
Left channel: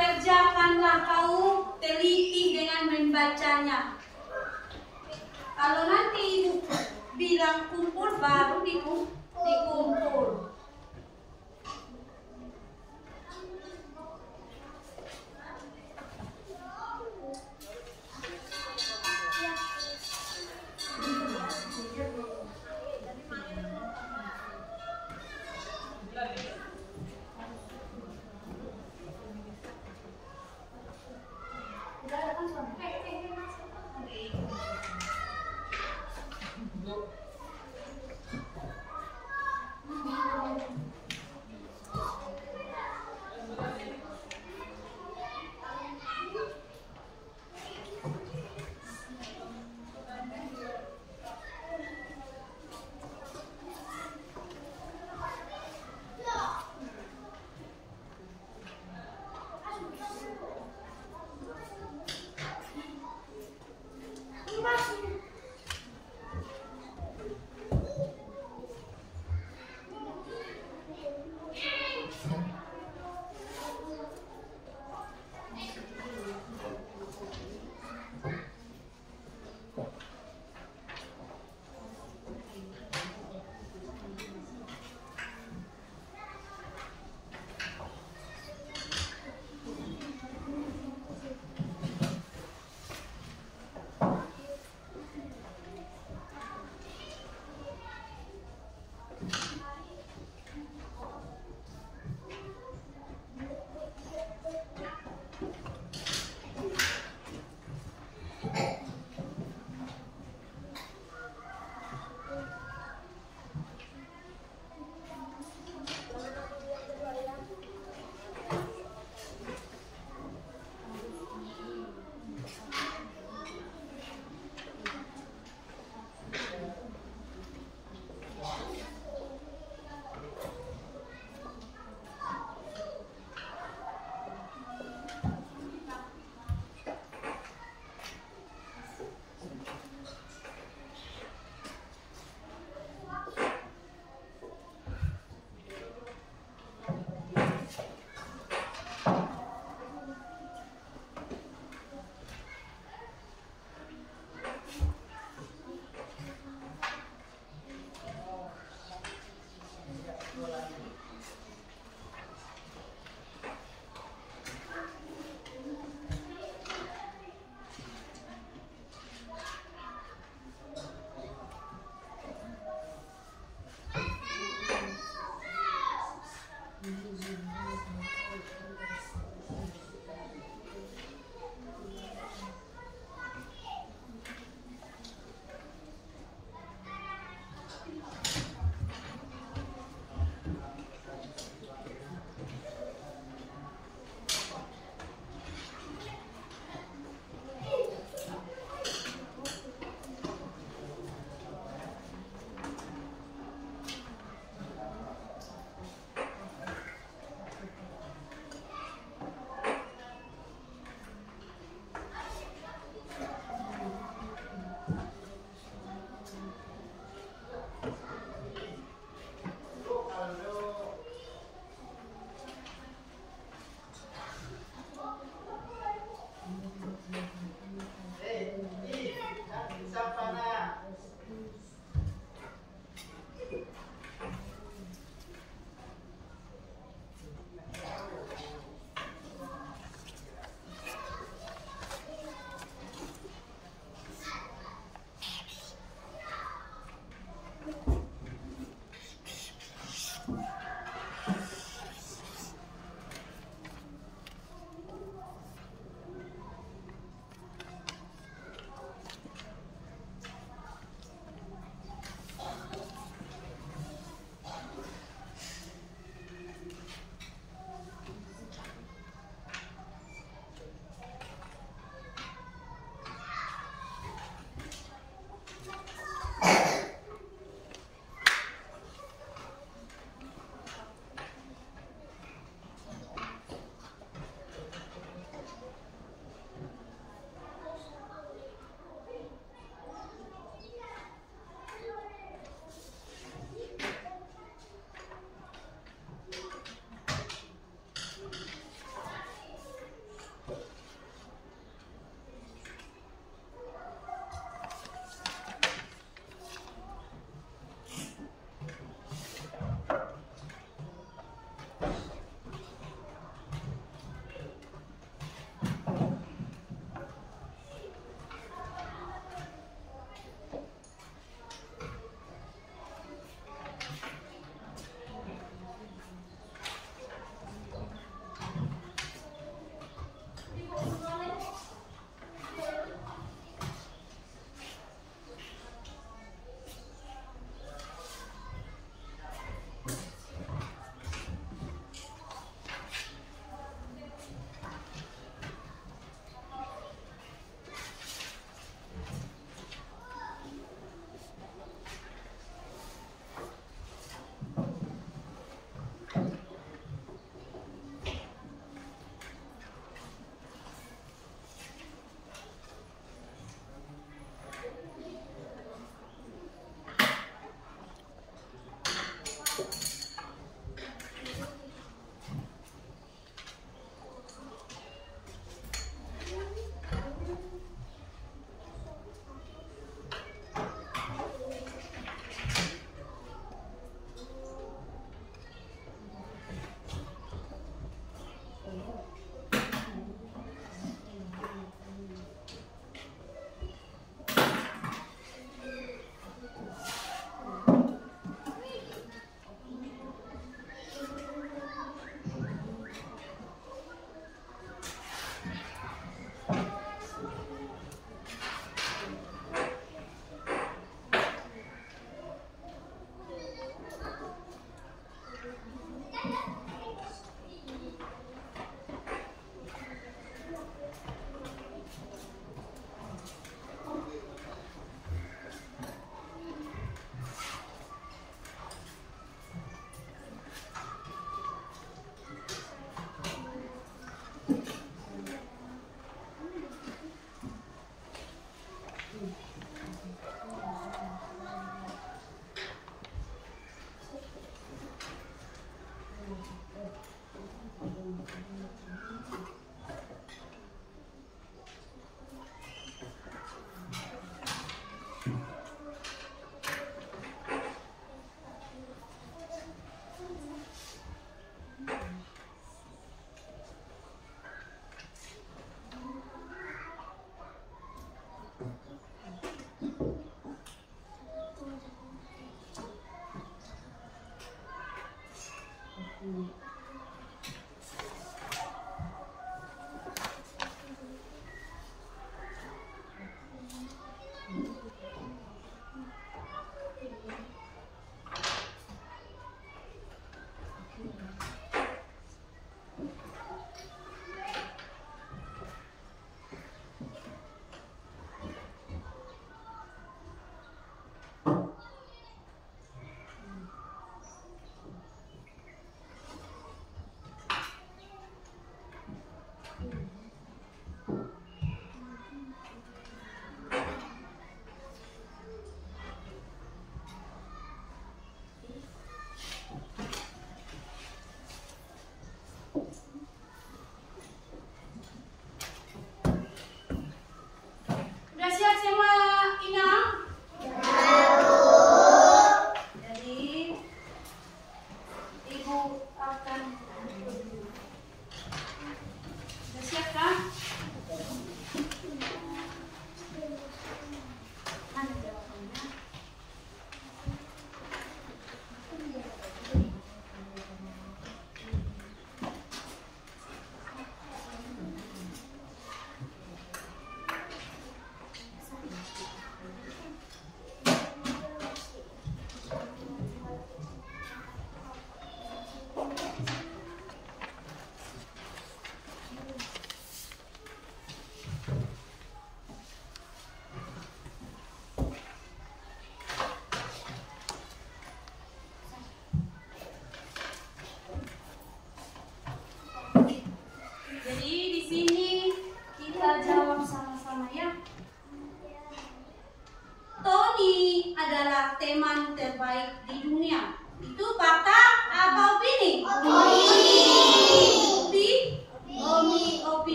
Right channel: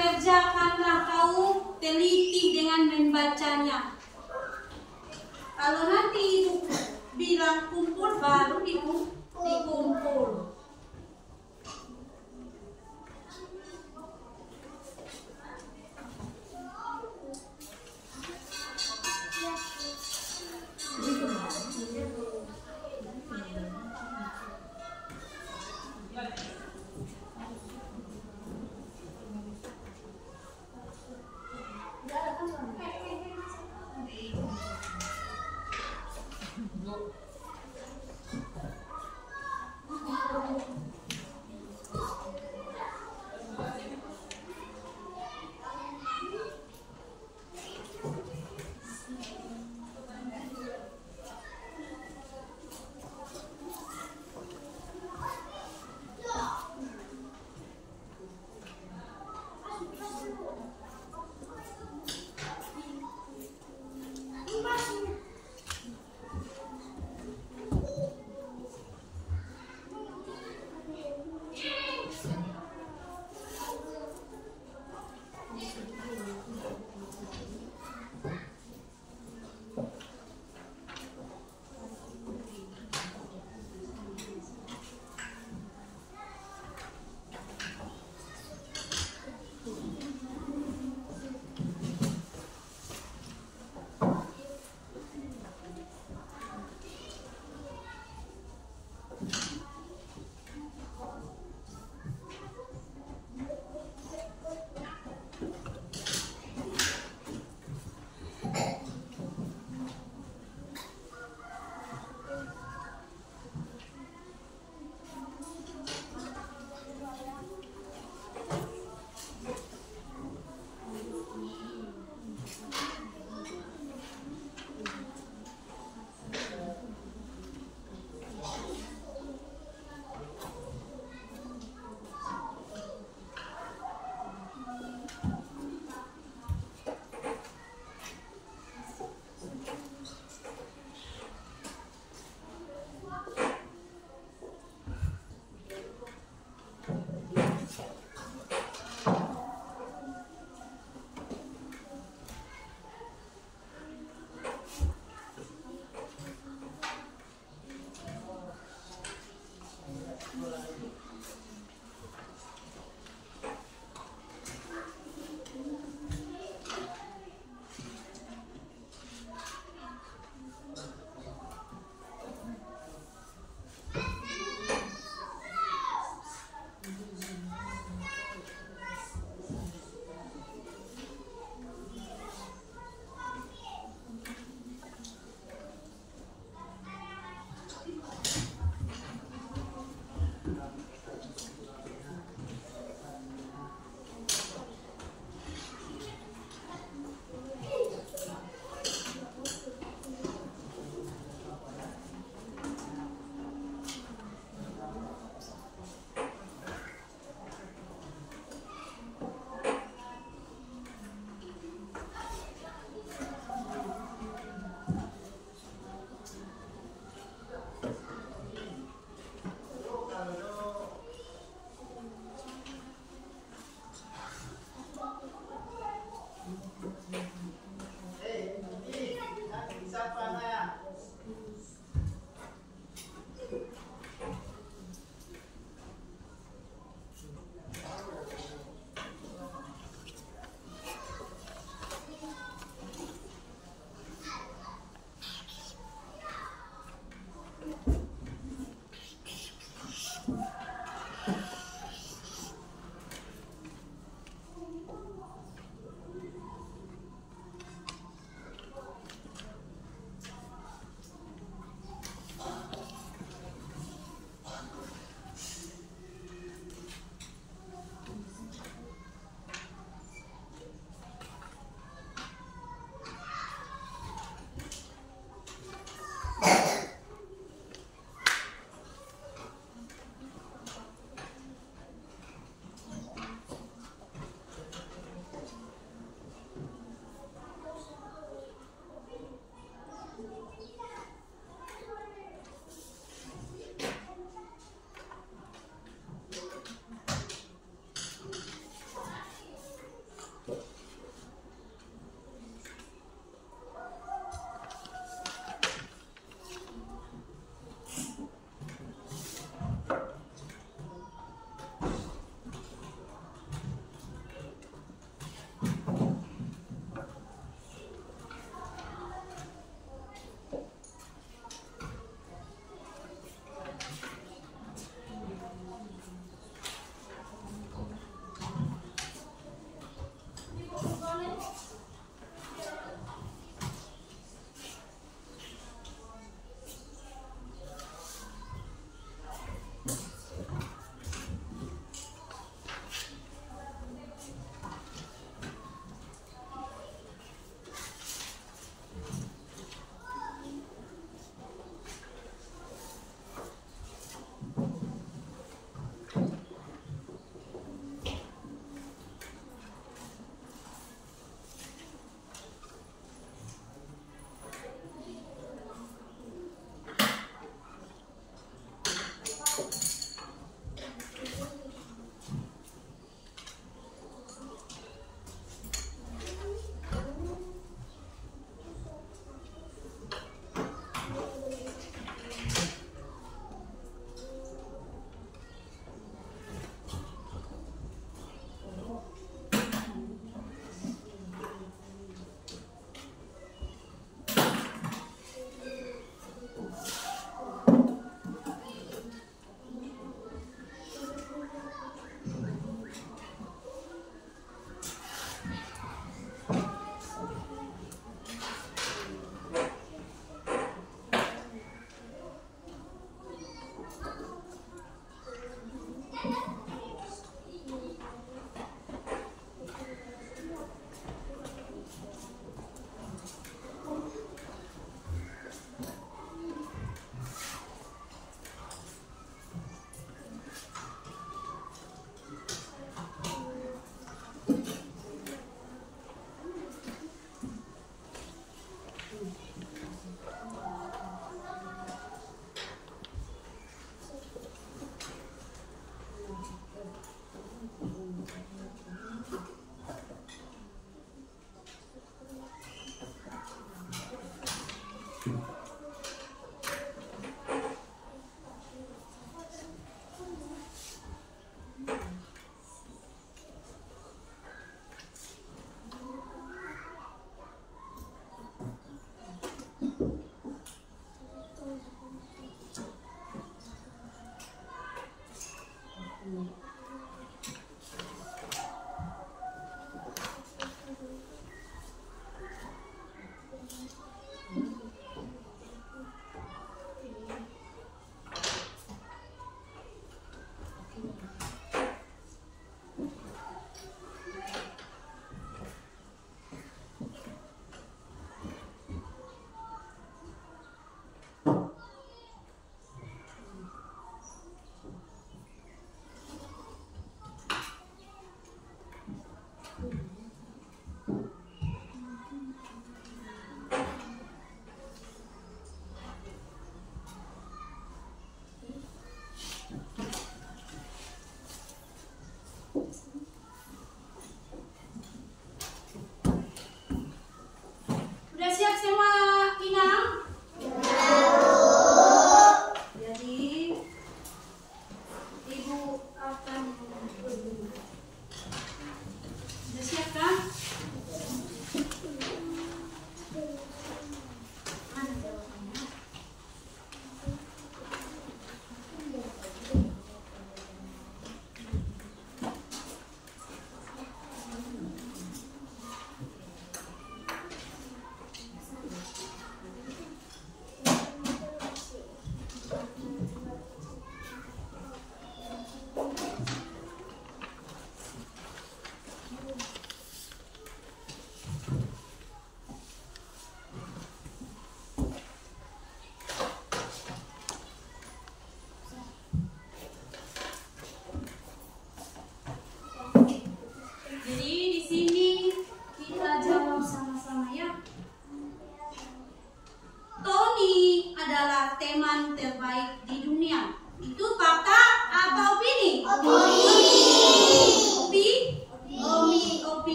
Kerjakanlah kau teliti dengan membacanya. Kalau nanti ibu bilang kumpul, baru dikumpul.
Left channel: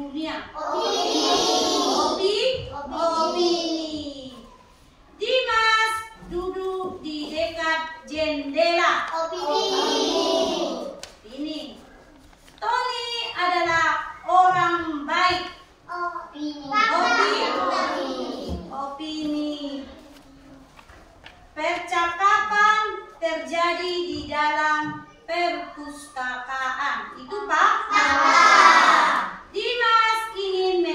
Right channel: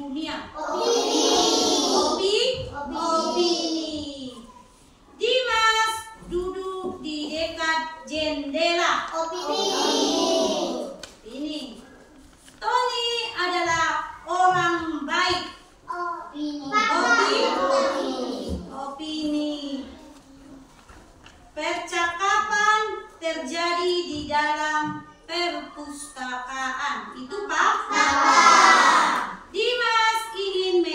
dunia? Opini. Opini. Dimas duduk di dekat jendela. Opini. Ini. Tony adalah orang baik. Opini. Opini. Percakapan terjadi di dalam perpustakaan. Itu fakta. Dimas ingin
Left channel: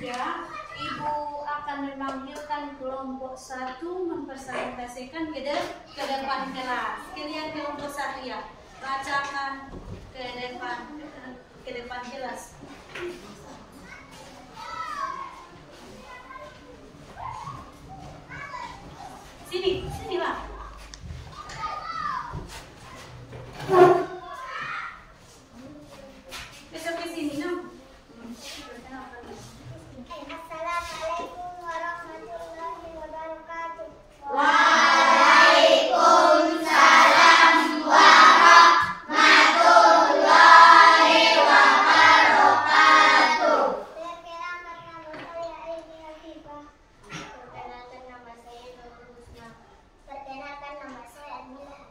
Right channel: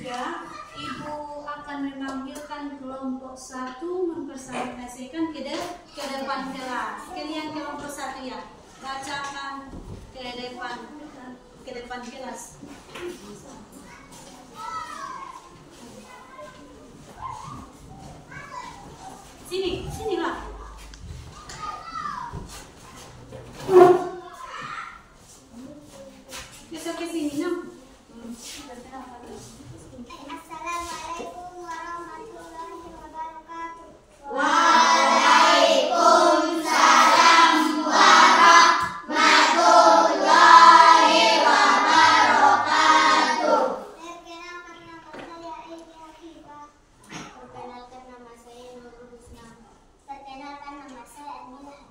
Ya, Ibu akan memanggilkan kelompok 1 mempresentasikan ke depan kelas. Kalian kelompok 1 ya, bacakan ke depan kelas. Sinilah. Besok ke sini, no? Assalamualaikum warahmatullahi wabarakatuh. Waalaikumsalam warahmatullahi wabarakatuh. Perkenalkan nama saya Aini Hafifah. Perkenalkan nama saya Nurul Husna. Perkenalkan nama saya Admila.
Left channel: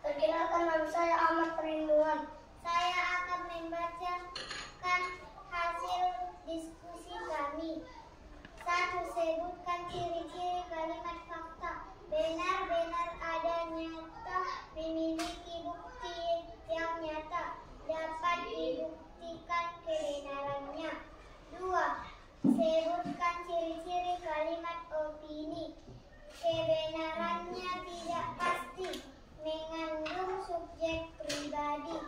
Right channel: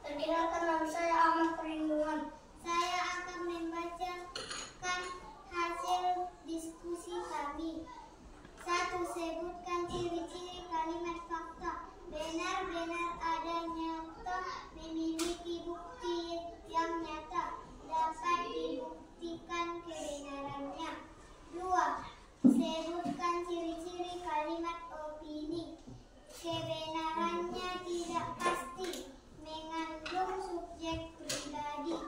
Perkenalkan nama saya Ahmad Perlindungan. Saya akan membacakan hasil diskusi kami. 1. Sebutkan ciri-ciri kalimat fakta. Benar-benar ada, nyata, memiliki bukti yang nyata, dapat dibuktikan kebenarannya. 2. Sebutkan ciri-ciri kalimat opini. Kebenarannya tidak pasti, mengandung subjek pribadi.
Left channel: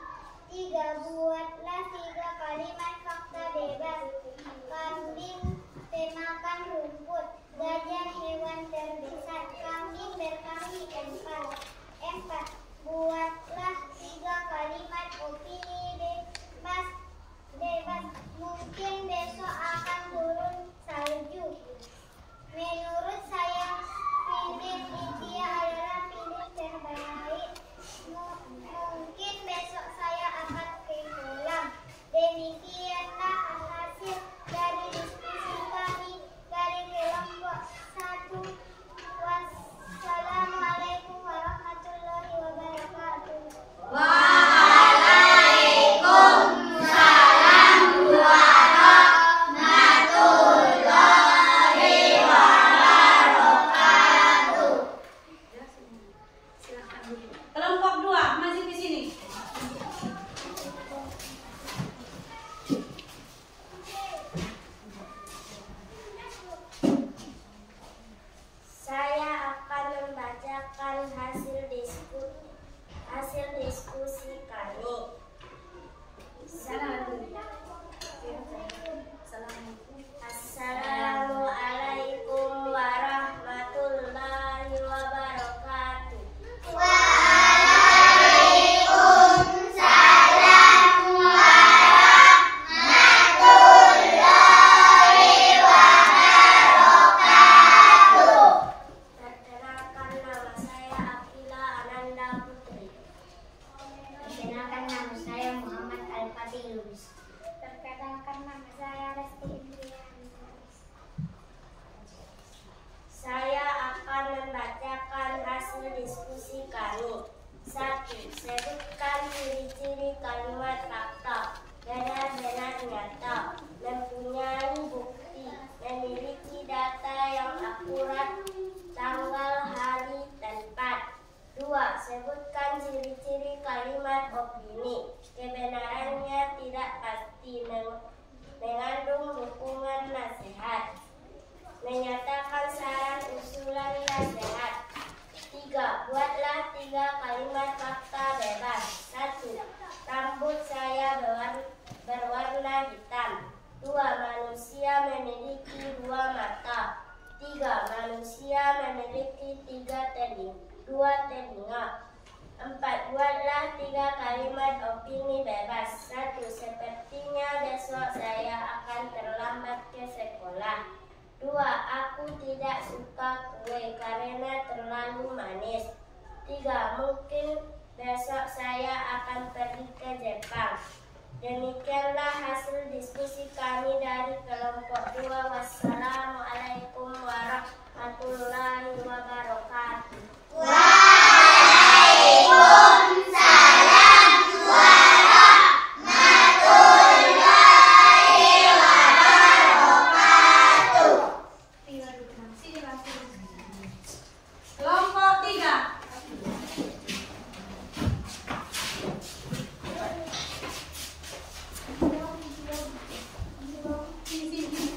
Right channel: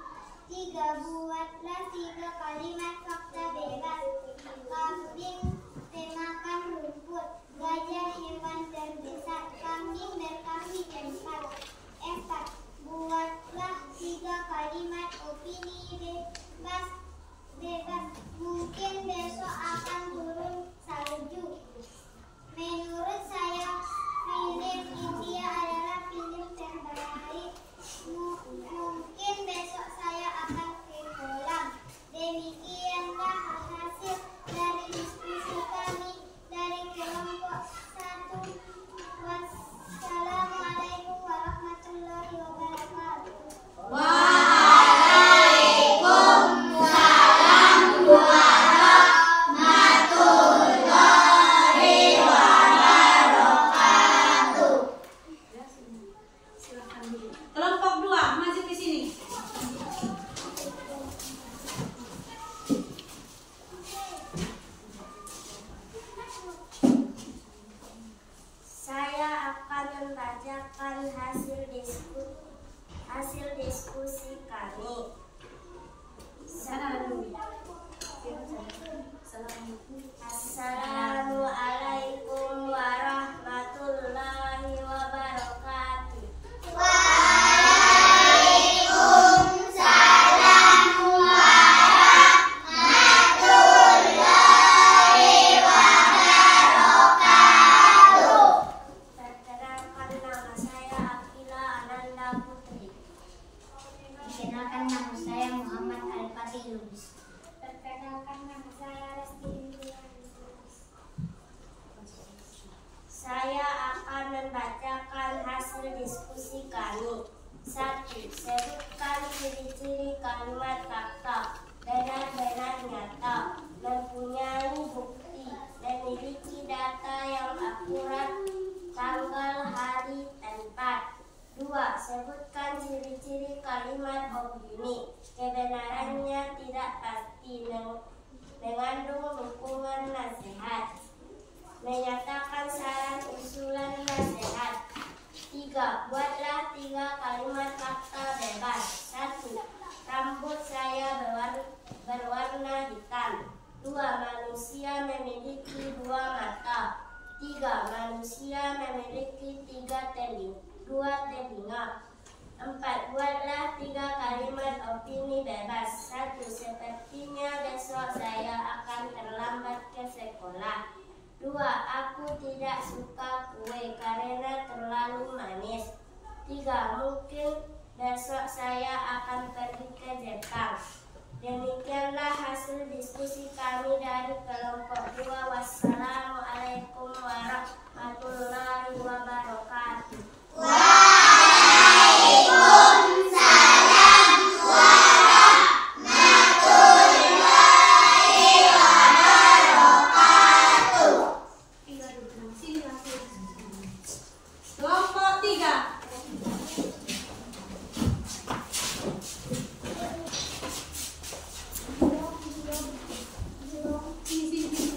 3. Buatlah 3 kalimat fakta bebas. Kambing temakan rumput, gajah hewan terbesar, kambing berkaki 4. Buatlah 3 kalimat opini bebas. Mungkin besok akan turun salju. Menurut saya film India adalah film terbaik. Mungkin besok saya akan ke kolam. Demikianlah hasil dari diskusi kami dari kelompok 1. Wassalamualaikum warahmatullahi wabarakatuh. Waalaikumsalam warahmatullahi wabarakatuh. Silakan dulu. Kelompok 2, maju ke sini. Saya akan membacakan hasil diskusi kami. Assalamualaikum warahmatullahi wabarakatuh. Waalaikumsalam warahmatullahi wabarakatuh. Perkenalkan nama saya Akila Ananda Putri. Perkenalkan nama saya Muhammad Al-Fatih Lubis. Perkenalkan nama saya Lesti Indriani. Saya akan membacakan hasil diskusi kami. 1. Sebutkan ciri-ciri kalimat fakta. Benar-benar nyata, mempunyai bukti, memiliki data yang akurat, tanggal, hari, tempat. 2. Sebutkan ciri-ciri kalimat opini. Kebenarannya tidak pasti, mengandung dukungan nasihat, menyatakan saran usulan nasihat. 3. Buatlah 3 kalimat fakta bebas. 1. Rambut saya berwarna hitam. 2. Manusia memiliki 2 mata. 3. Manusia memiliki 2 telinga. 4. Buatlah 3 kalimat opini bebas. 1. Sepertinya besok saya akan terlambat ke sekolah. 2. Aku tidak suka kue karena terlalu manis. 3. Mungkin besok saya akan pergi ke Jepang. Demikianlah hasil diskusi kami dari kelompok 2. Wassalamualaikum warahmatullahi wabarakatuh. Waalaikumsalam warahmatullahi wabarakatuh. Sini langsung. Kelompok 3. Sini.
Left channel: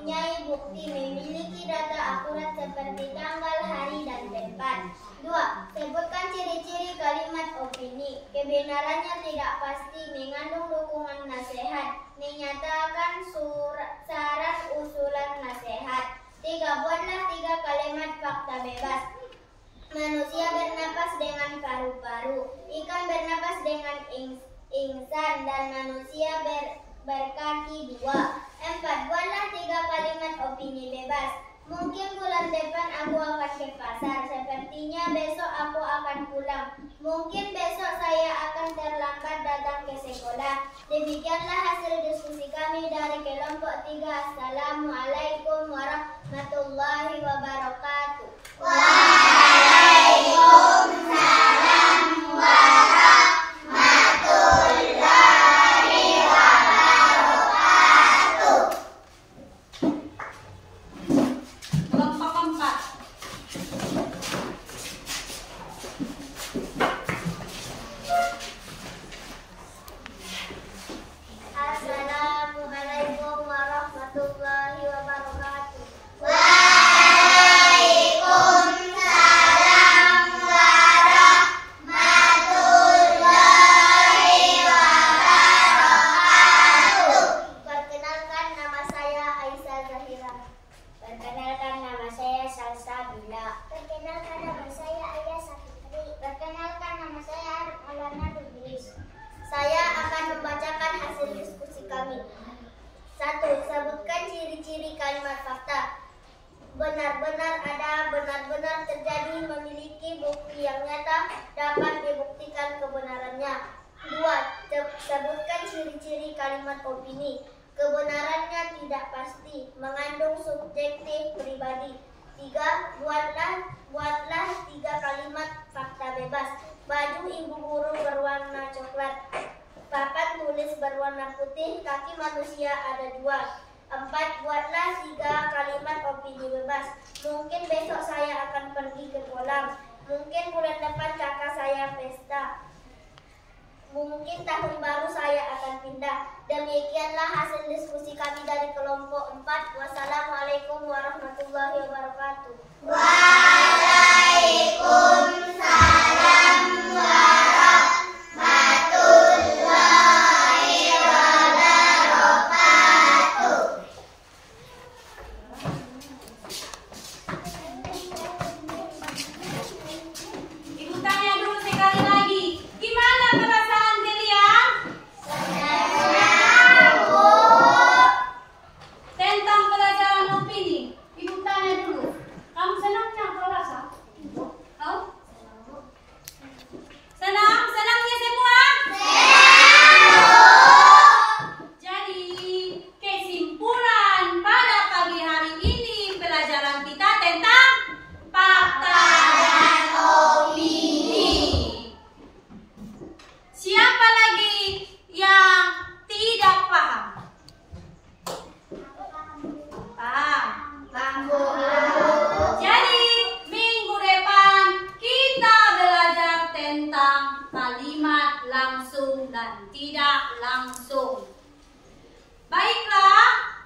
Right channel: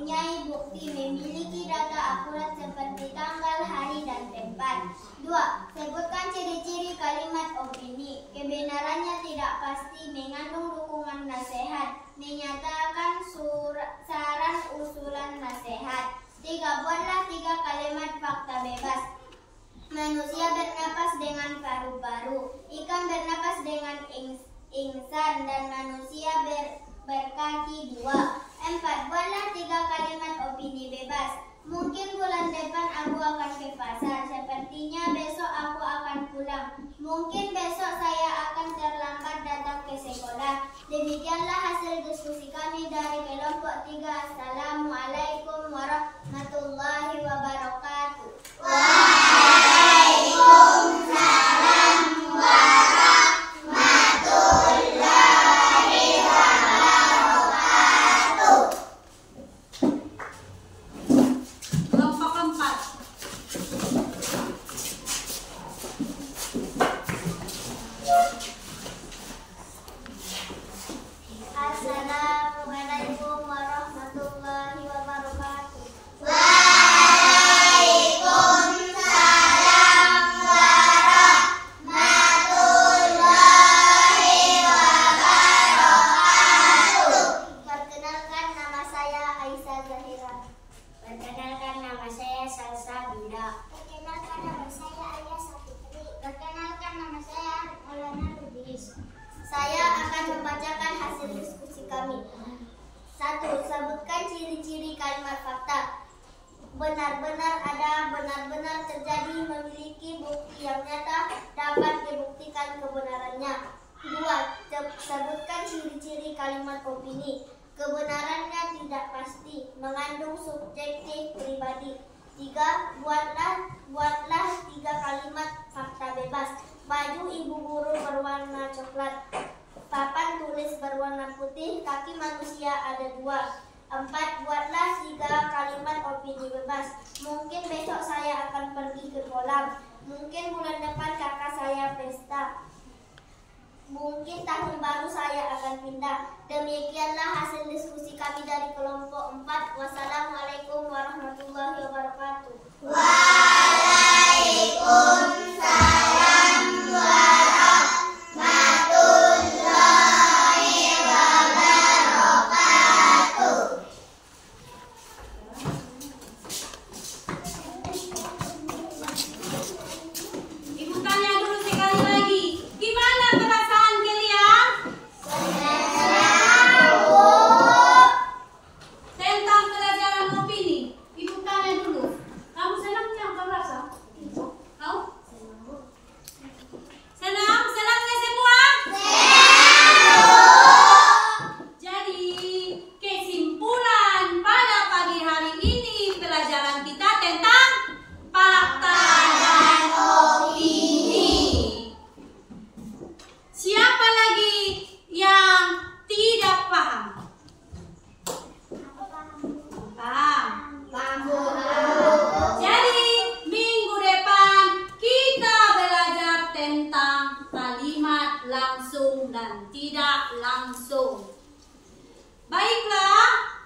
mempunyai bukti, memiliki data akurat seperti tanggal, hari, dan tempat. 2. Sebutkan ciri-ciri kalimat opini. Kebenarannya tidak pasti, mengandung dukungan nasihat, menyatakan saran usulan nasihat. 3. Buatlah 3 kalimat fakta bebas. Manusia bernapas dengan paru-paru, ikan bernapas dengan ingsan, dan manusia berkaki 2. 4. Buatlah 3 kalimat opini bebas. Mungkin bulan depan aku akan ke pasar. Sepertinya besok aku akan pulang. Mungkin besok saya akan terlambat datang ke sekolah. Demikianlah hasil diskusi kami dari kelompok 3. Assalamualaikum warahmatullahi wabarakatuh. Waalaikumsalam warahmatullahi wabarakatuh. Kelompok 4. Assalamualaikum warahmatullahi wabarakatuh. Waalaikumsalam warahmatullahi wabarakatuh. Perkenalkan, nama saya Aisyah Zahira. Perkenalkan, nama saya Salsabila. Perkenalkan, nama saya Ayah Sapitri. Perkenalkan, nama saya Alana Lubis. Saya akan membacakan hasil diskusi kami. 1. Sebutkan ciri-ciri kalimat fakta. Benar-benar ada, benar-benar terjadi, memiliki bukti yang nyata, dapat dibuktikan kebenarannya. 2. Sebutkan ciri-ciri kalimat opini. Kebenarannya tidak pasti, mengandung subjektif pribadi. 3. Buatlah 3 kalimat fakta bebas. Baju ibu guru berwarna coklat, papan tulis berwarna putih, kaki manusia ada 2. 4. Buatlah 3 kalimat opini bebas. Mungkin besok saya akan pergi ke kolam. Mungkin bulan depan kakak saya pesta. Mungkin tahun baru saya akan pindah. Demikianlah hasil diskusi kami dari kelompok 4. Wassalamualaikum warahmatullahi wabarakatuh. Waalaikumsalam warahmatullahi wabarakatuh. Ibu tanya dulu sekali lagi. Gimana perasaan kalian? Senang, Bu. Tentang pelajaran opini. Ibu tanya dulu. Kamu senang nggak kau rasa? Kau? Senang? Senangnya semua? Jadi, kesimpulan pada pagi hari ini pelajaran kita tentang fakta dan opini. Siapa lagi yang tidak paham? Paham? Jadi, minggu depan kita belajar tentang kalimat langsung dan tidak langsung. Baiklah,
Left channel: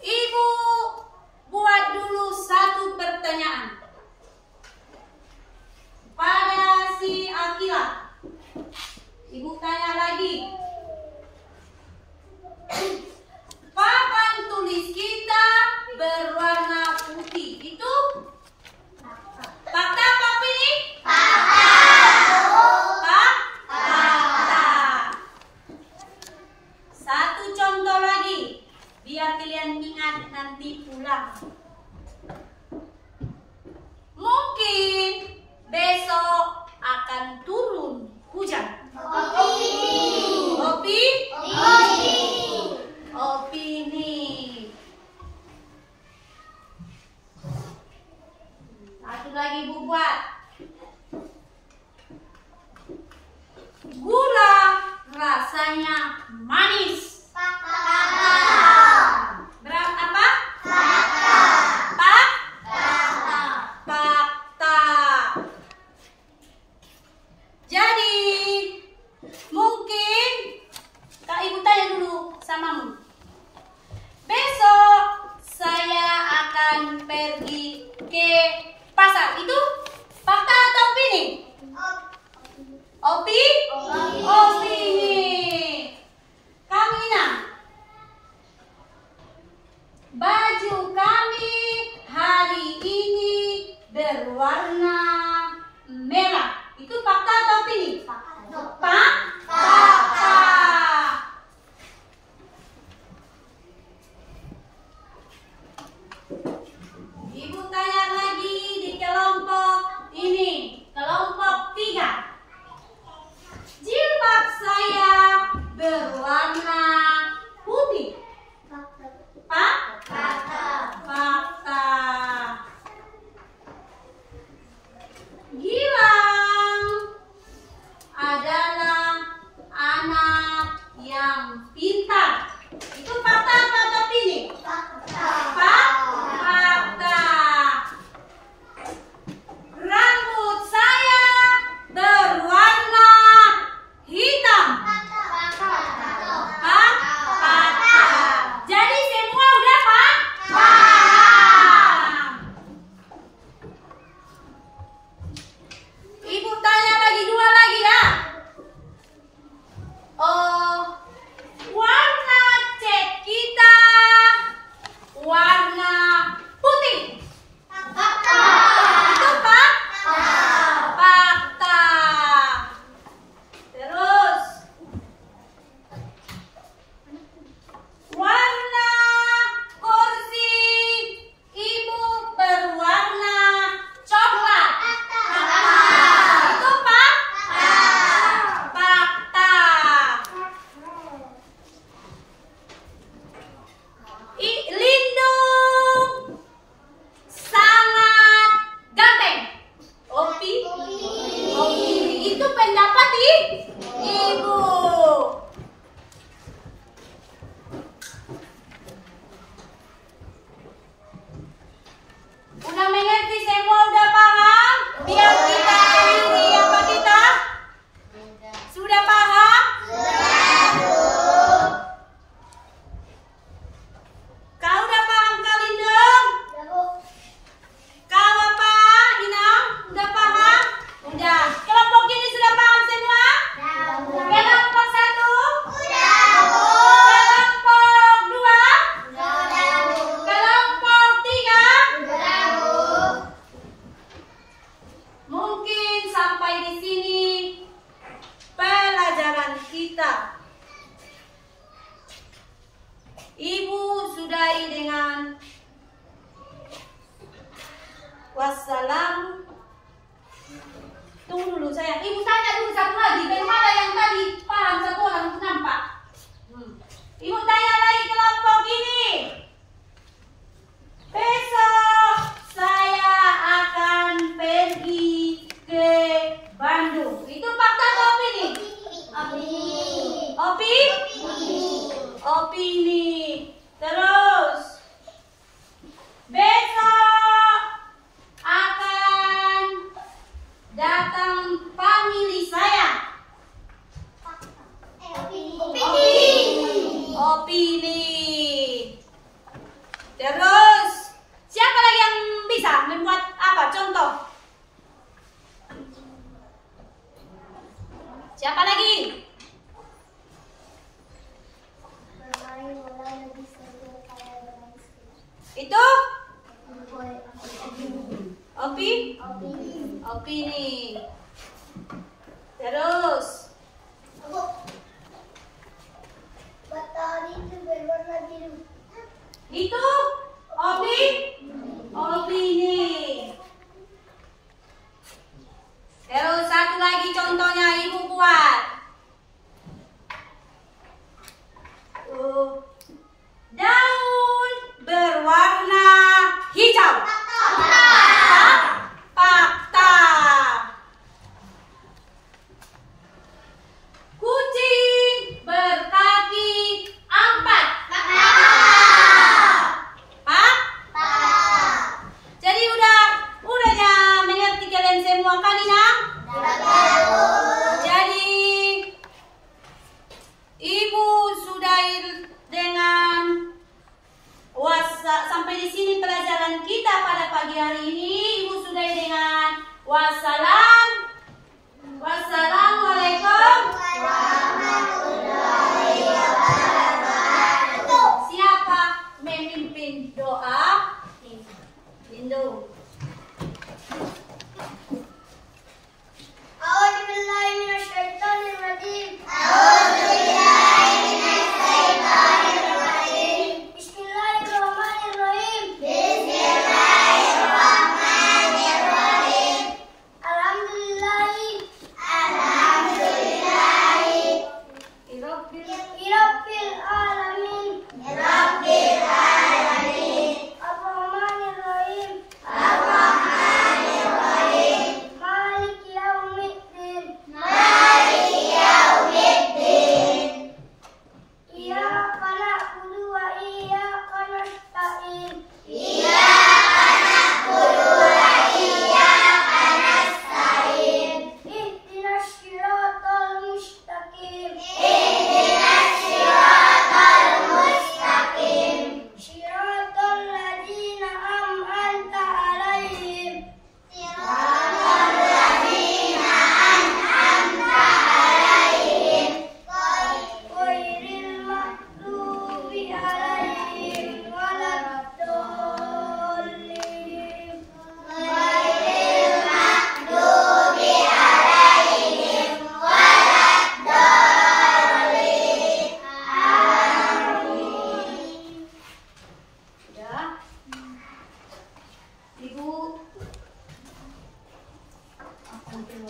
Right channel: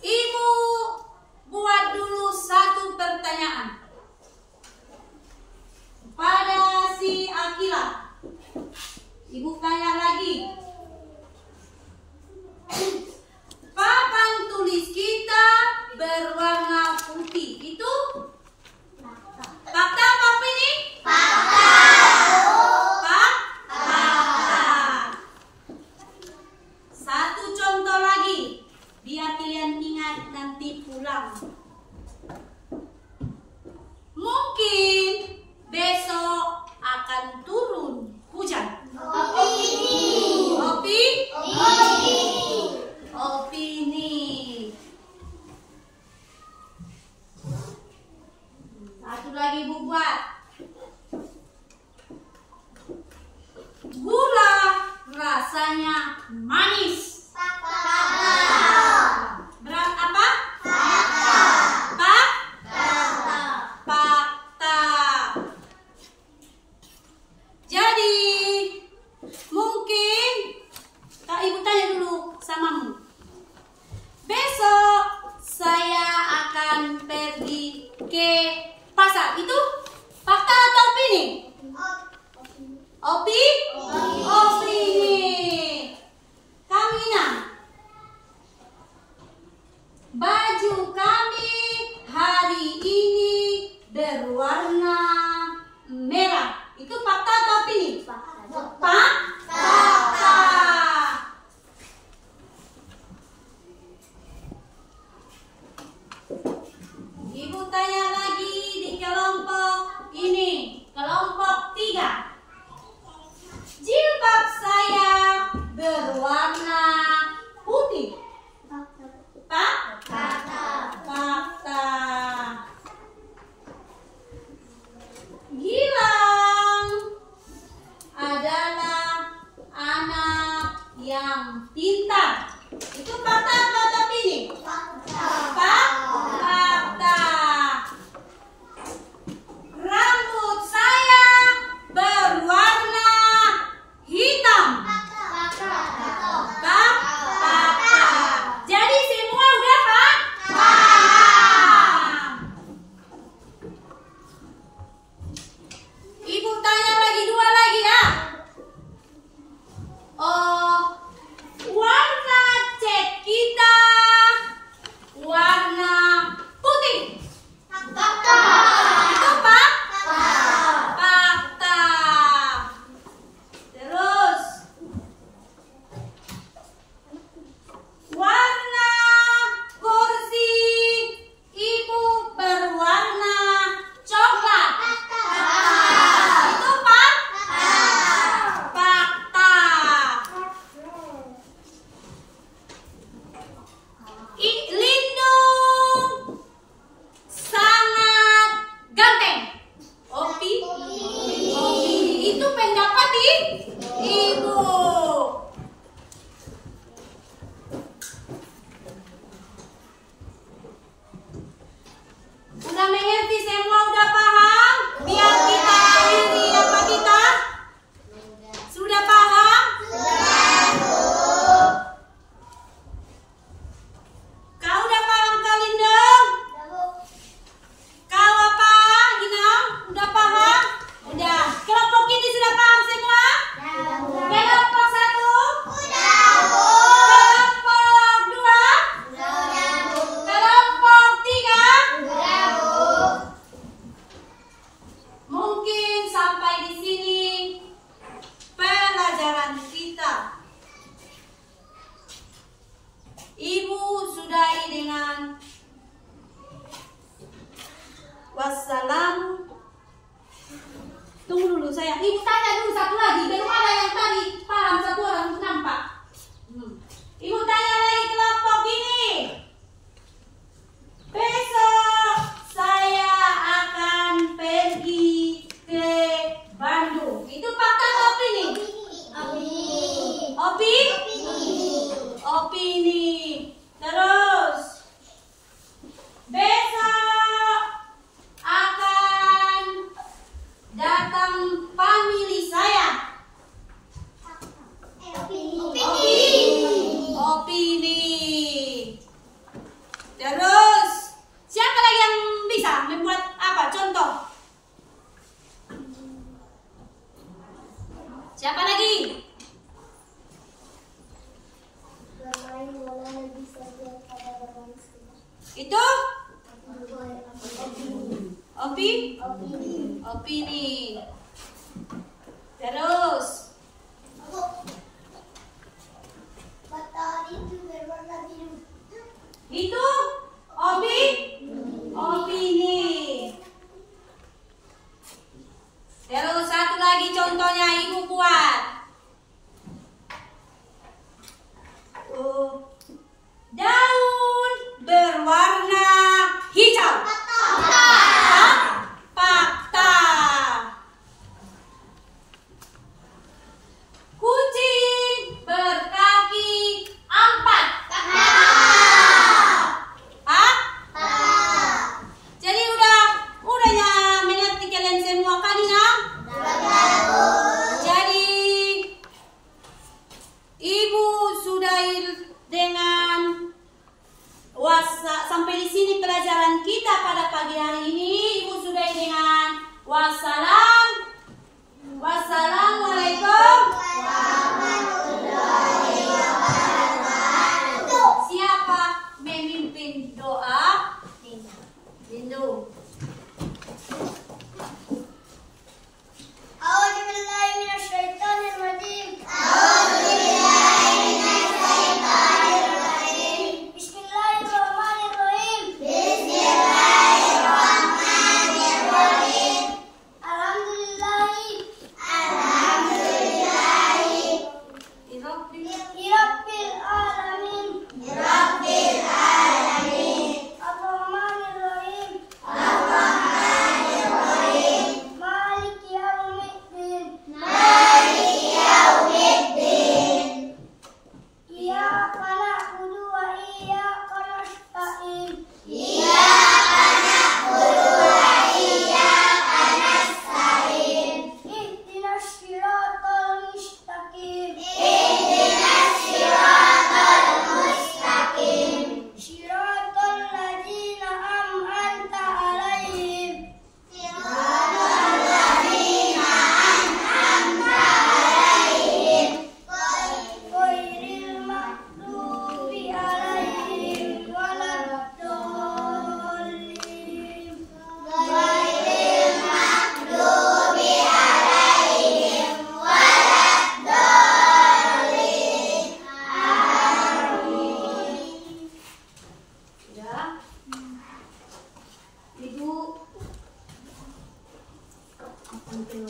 Ibu buat dulu satu pertanyaan pada si Akila. Ibu tanya lagi. Papan tulis kita berwarna putih. Itu fakta apa ini? Fakta. Satu contoh lagi, biar kalian ingat nanti pulang. Mungkin besok akan turun hujan. Opini. Satu lagi Ibu buat. Gula rasanya manis. Berat apa? Fakta. Jadi Wassalam. Tunggu dulu sayang. Ibu tanya dulu satu lagi. Bagaimana yang tadi paham satu orang nampak? Ibu tanya lagi kelompok ini. Besok saya akan pergi ke Bandung. Itu fakta atau opini? Opini. Terus besok akan datang family saya. Opini. Terus siapa lagi yang bisa membuat apa contoh? Siapa lagi? Itu opini. Terus Matahari itu berwarna biru. itu opini. Terus satu lagi contohnya ibu buat. Daun berwarna hijau. Fakta. Kucing berkaki 4. Fakta. Jadi udahnya mengerti kalian semua kan ya? Jadi ibu sudah dengan sampai di sini pelajaran kita pada pagi hari ini. Ibu sudah dengan wassalamualaikum. Siapa memimpin doa? Lindu.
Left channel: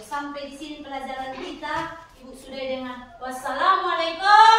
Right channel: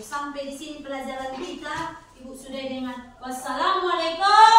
Sampai di sini pelajaran kita. Ibu sudah dengan wassalamualaikum.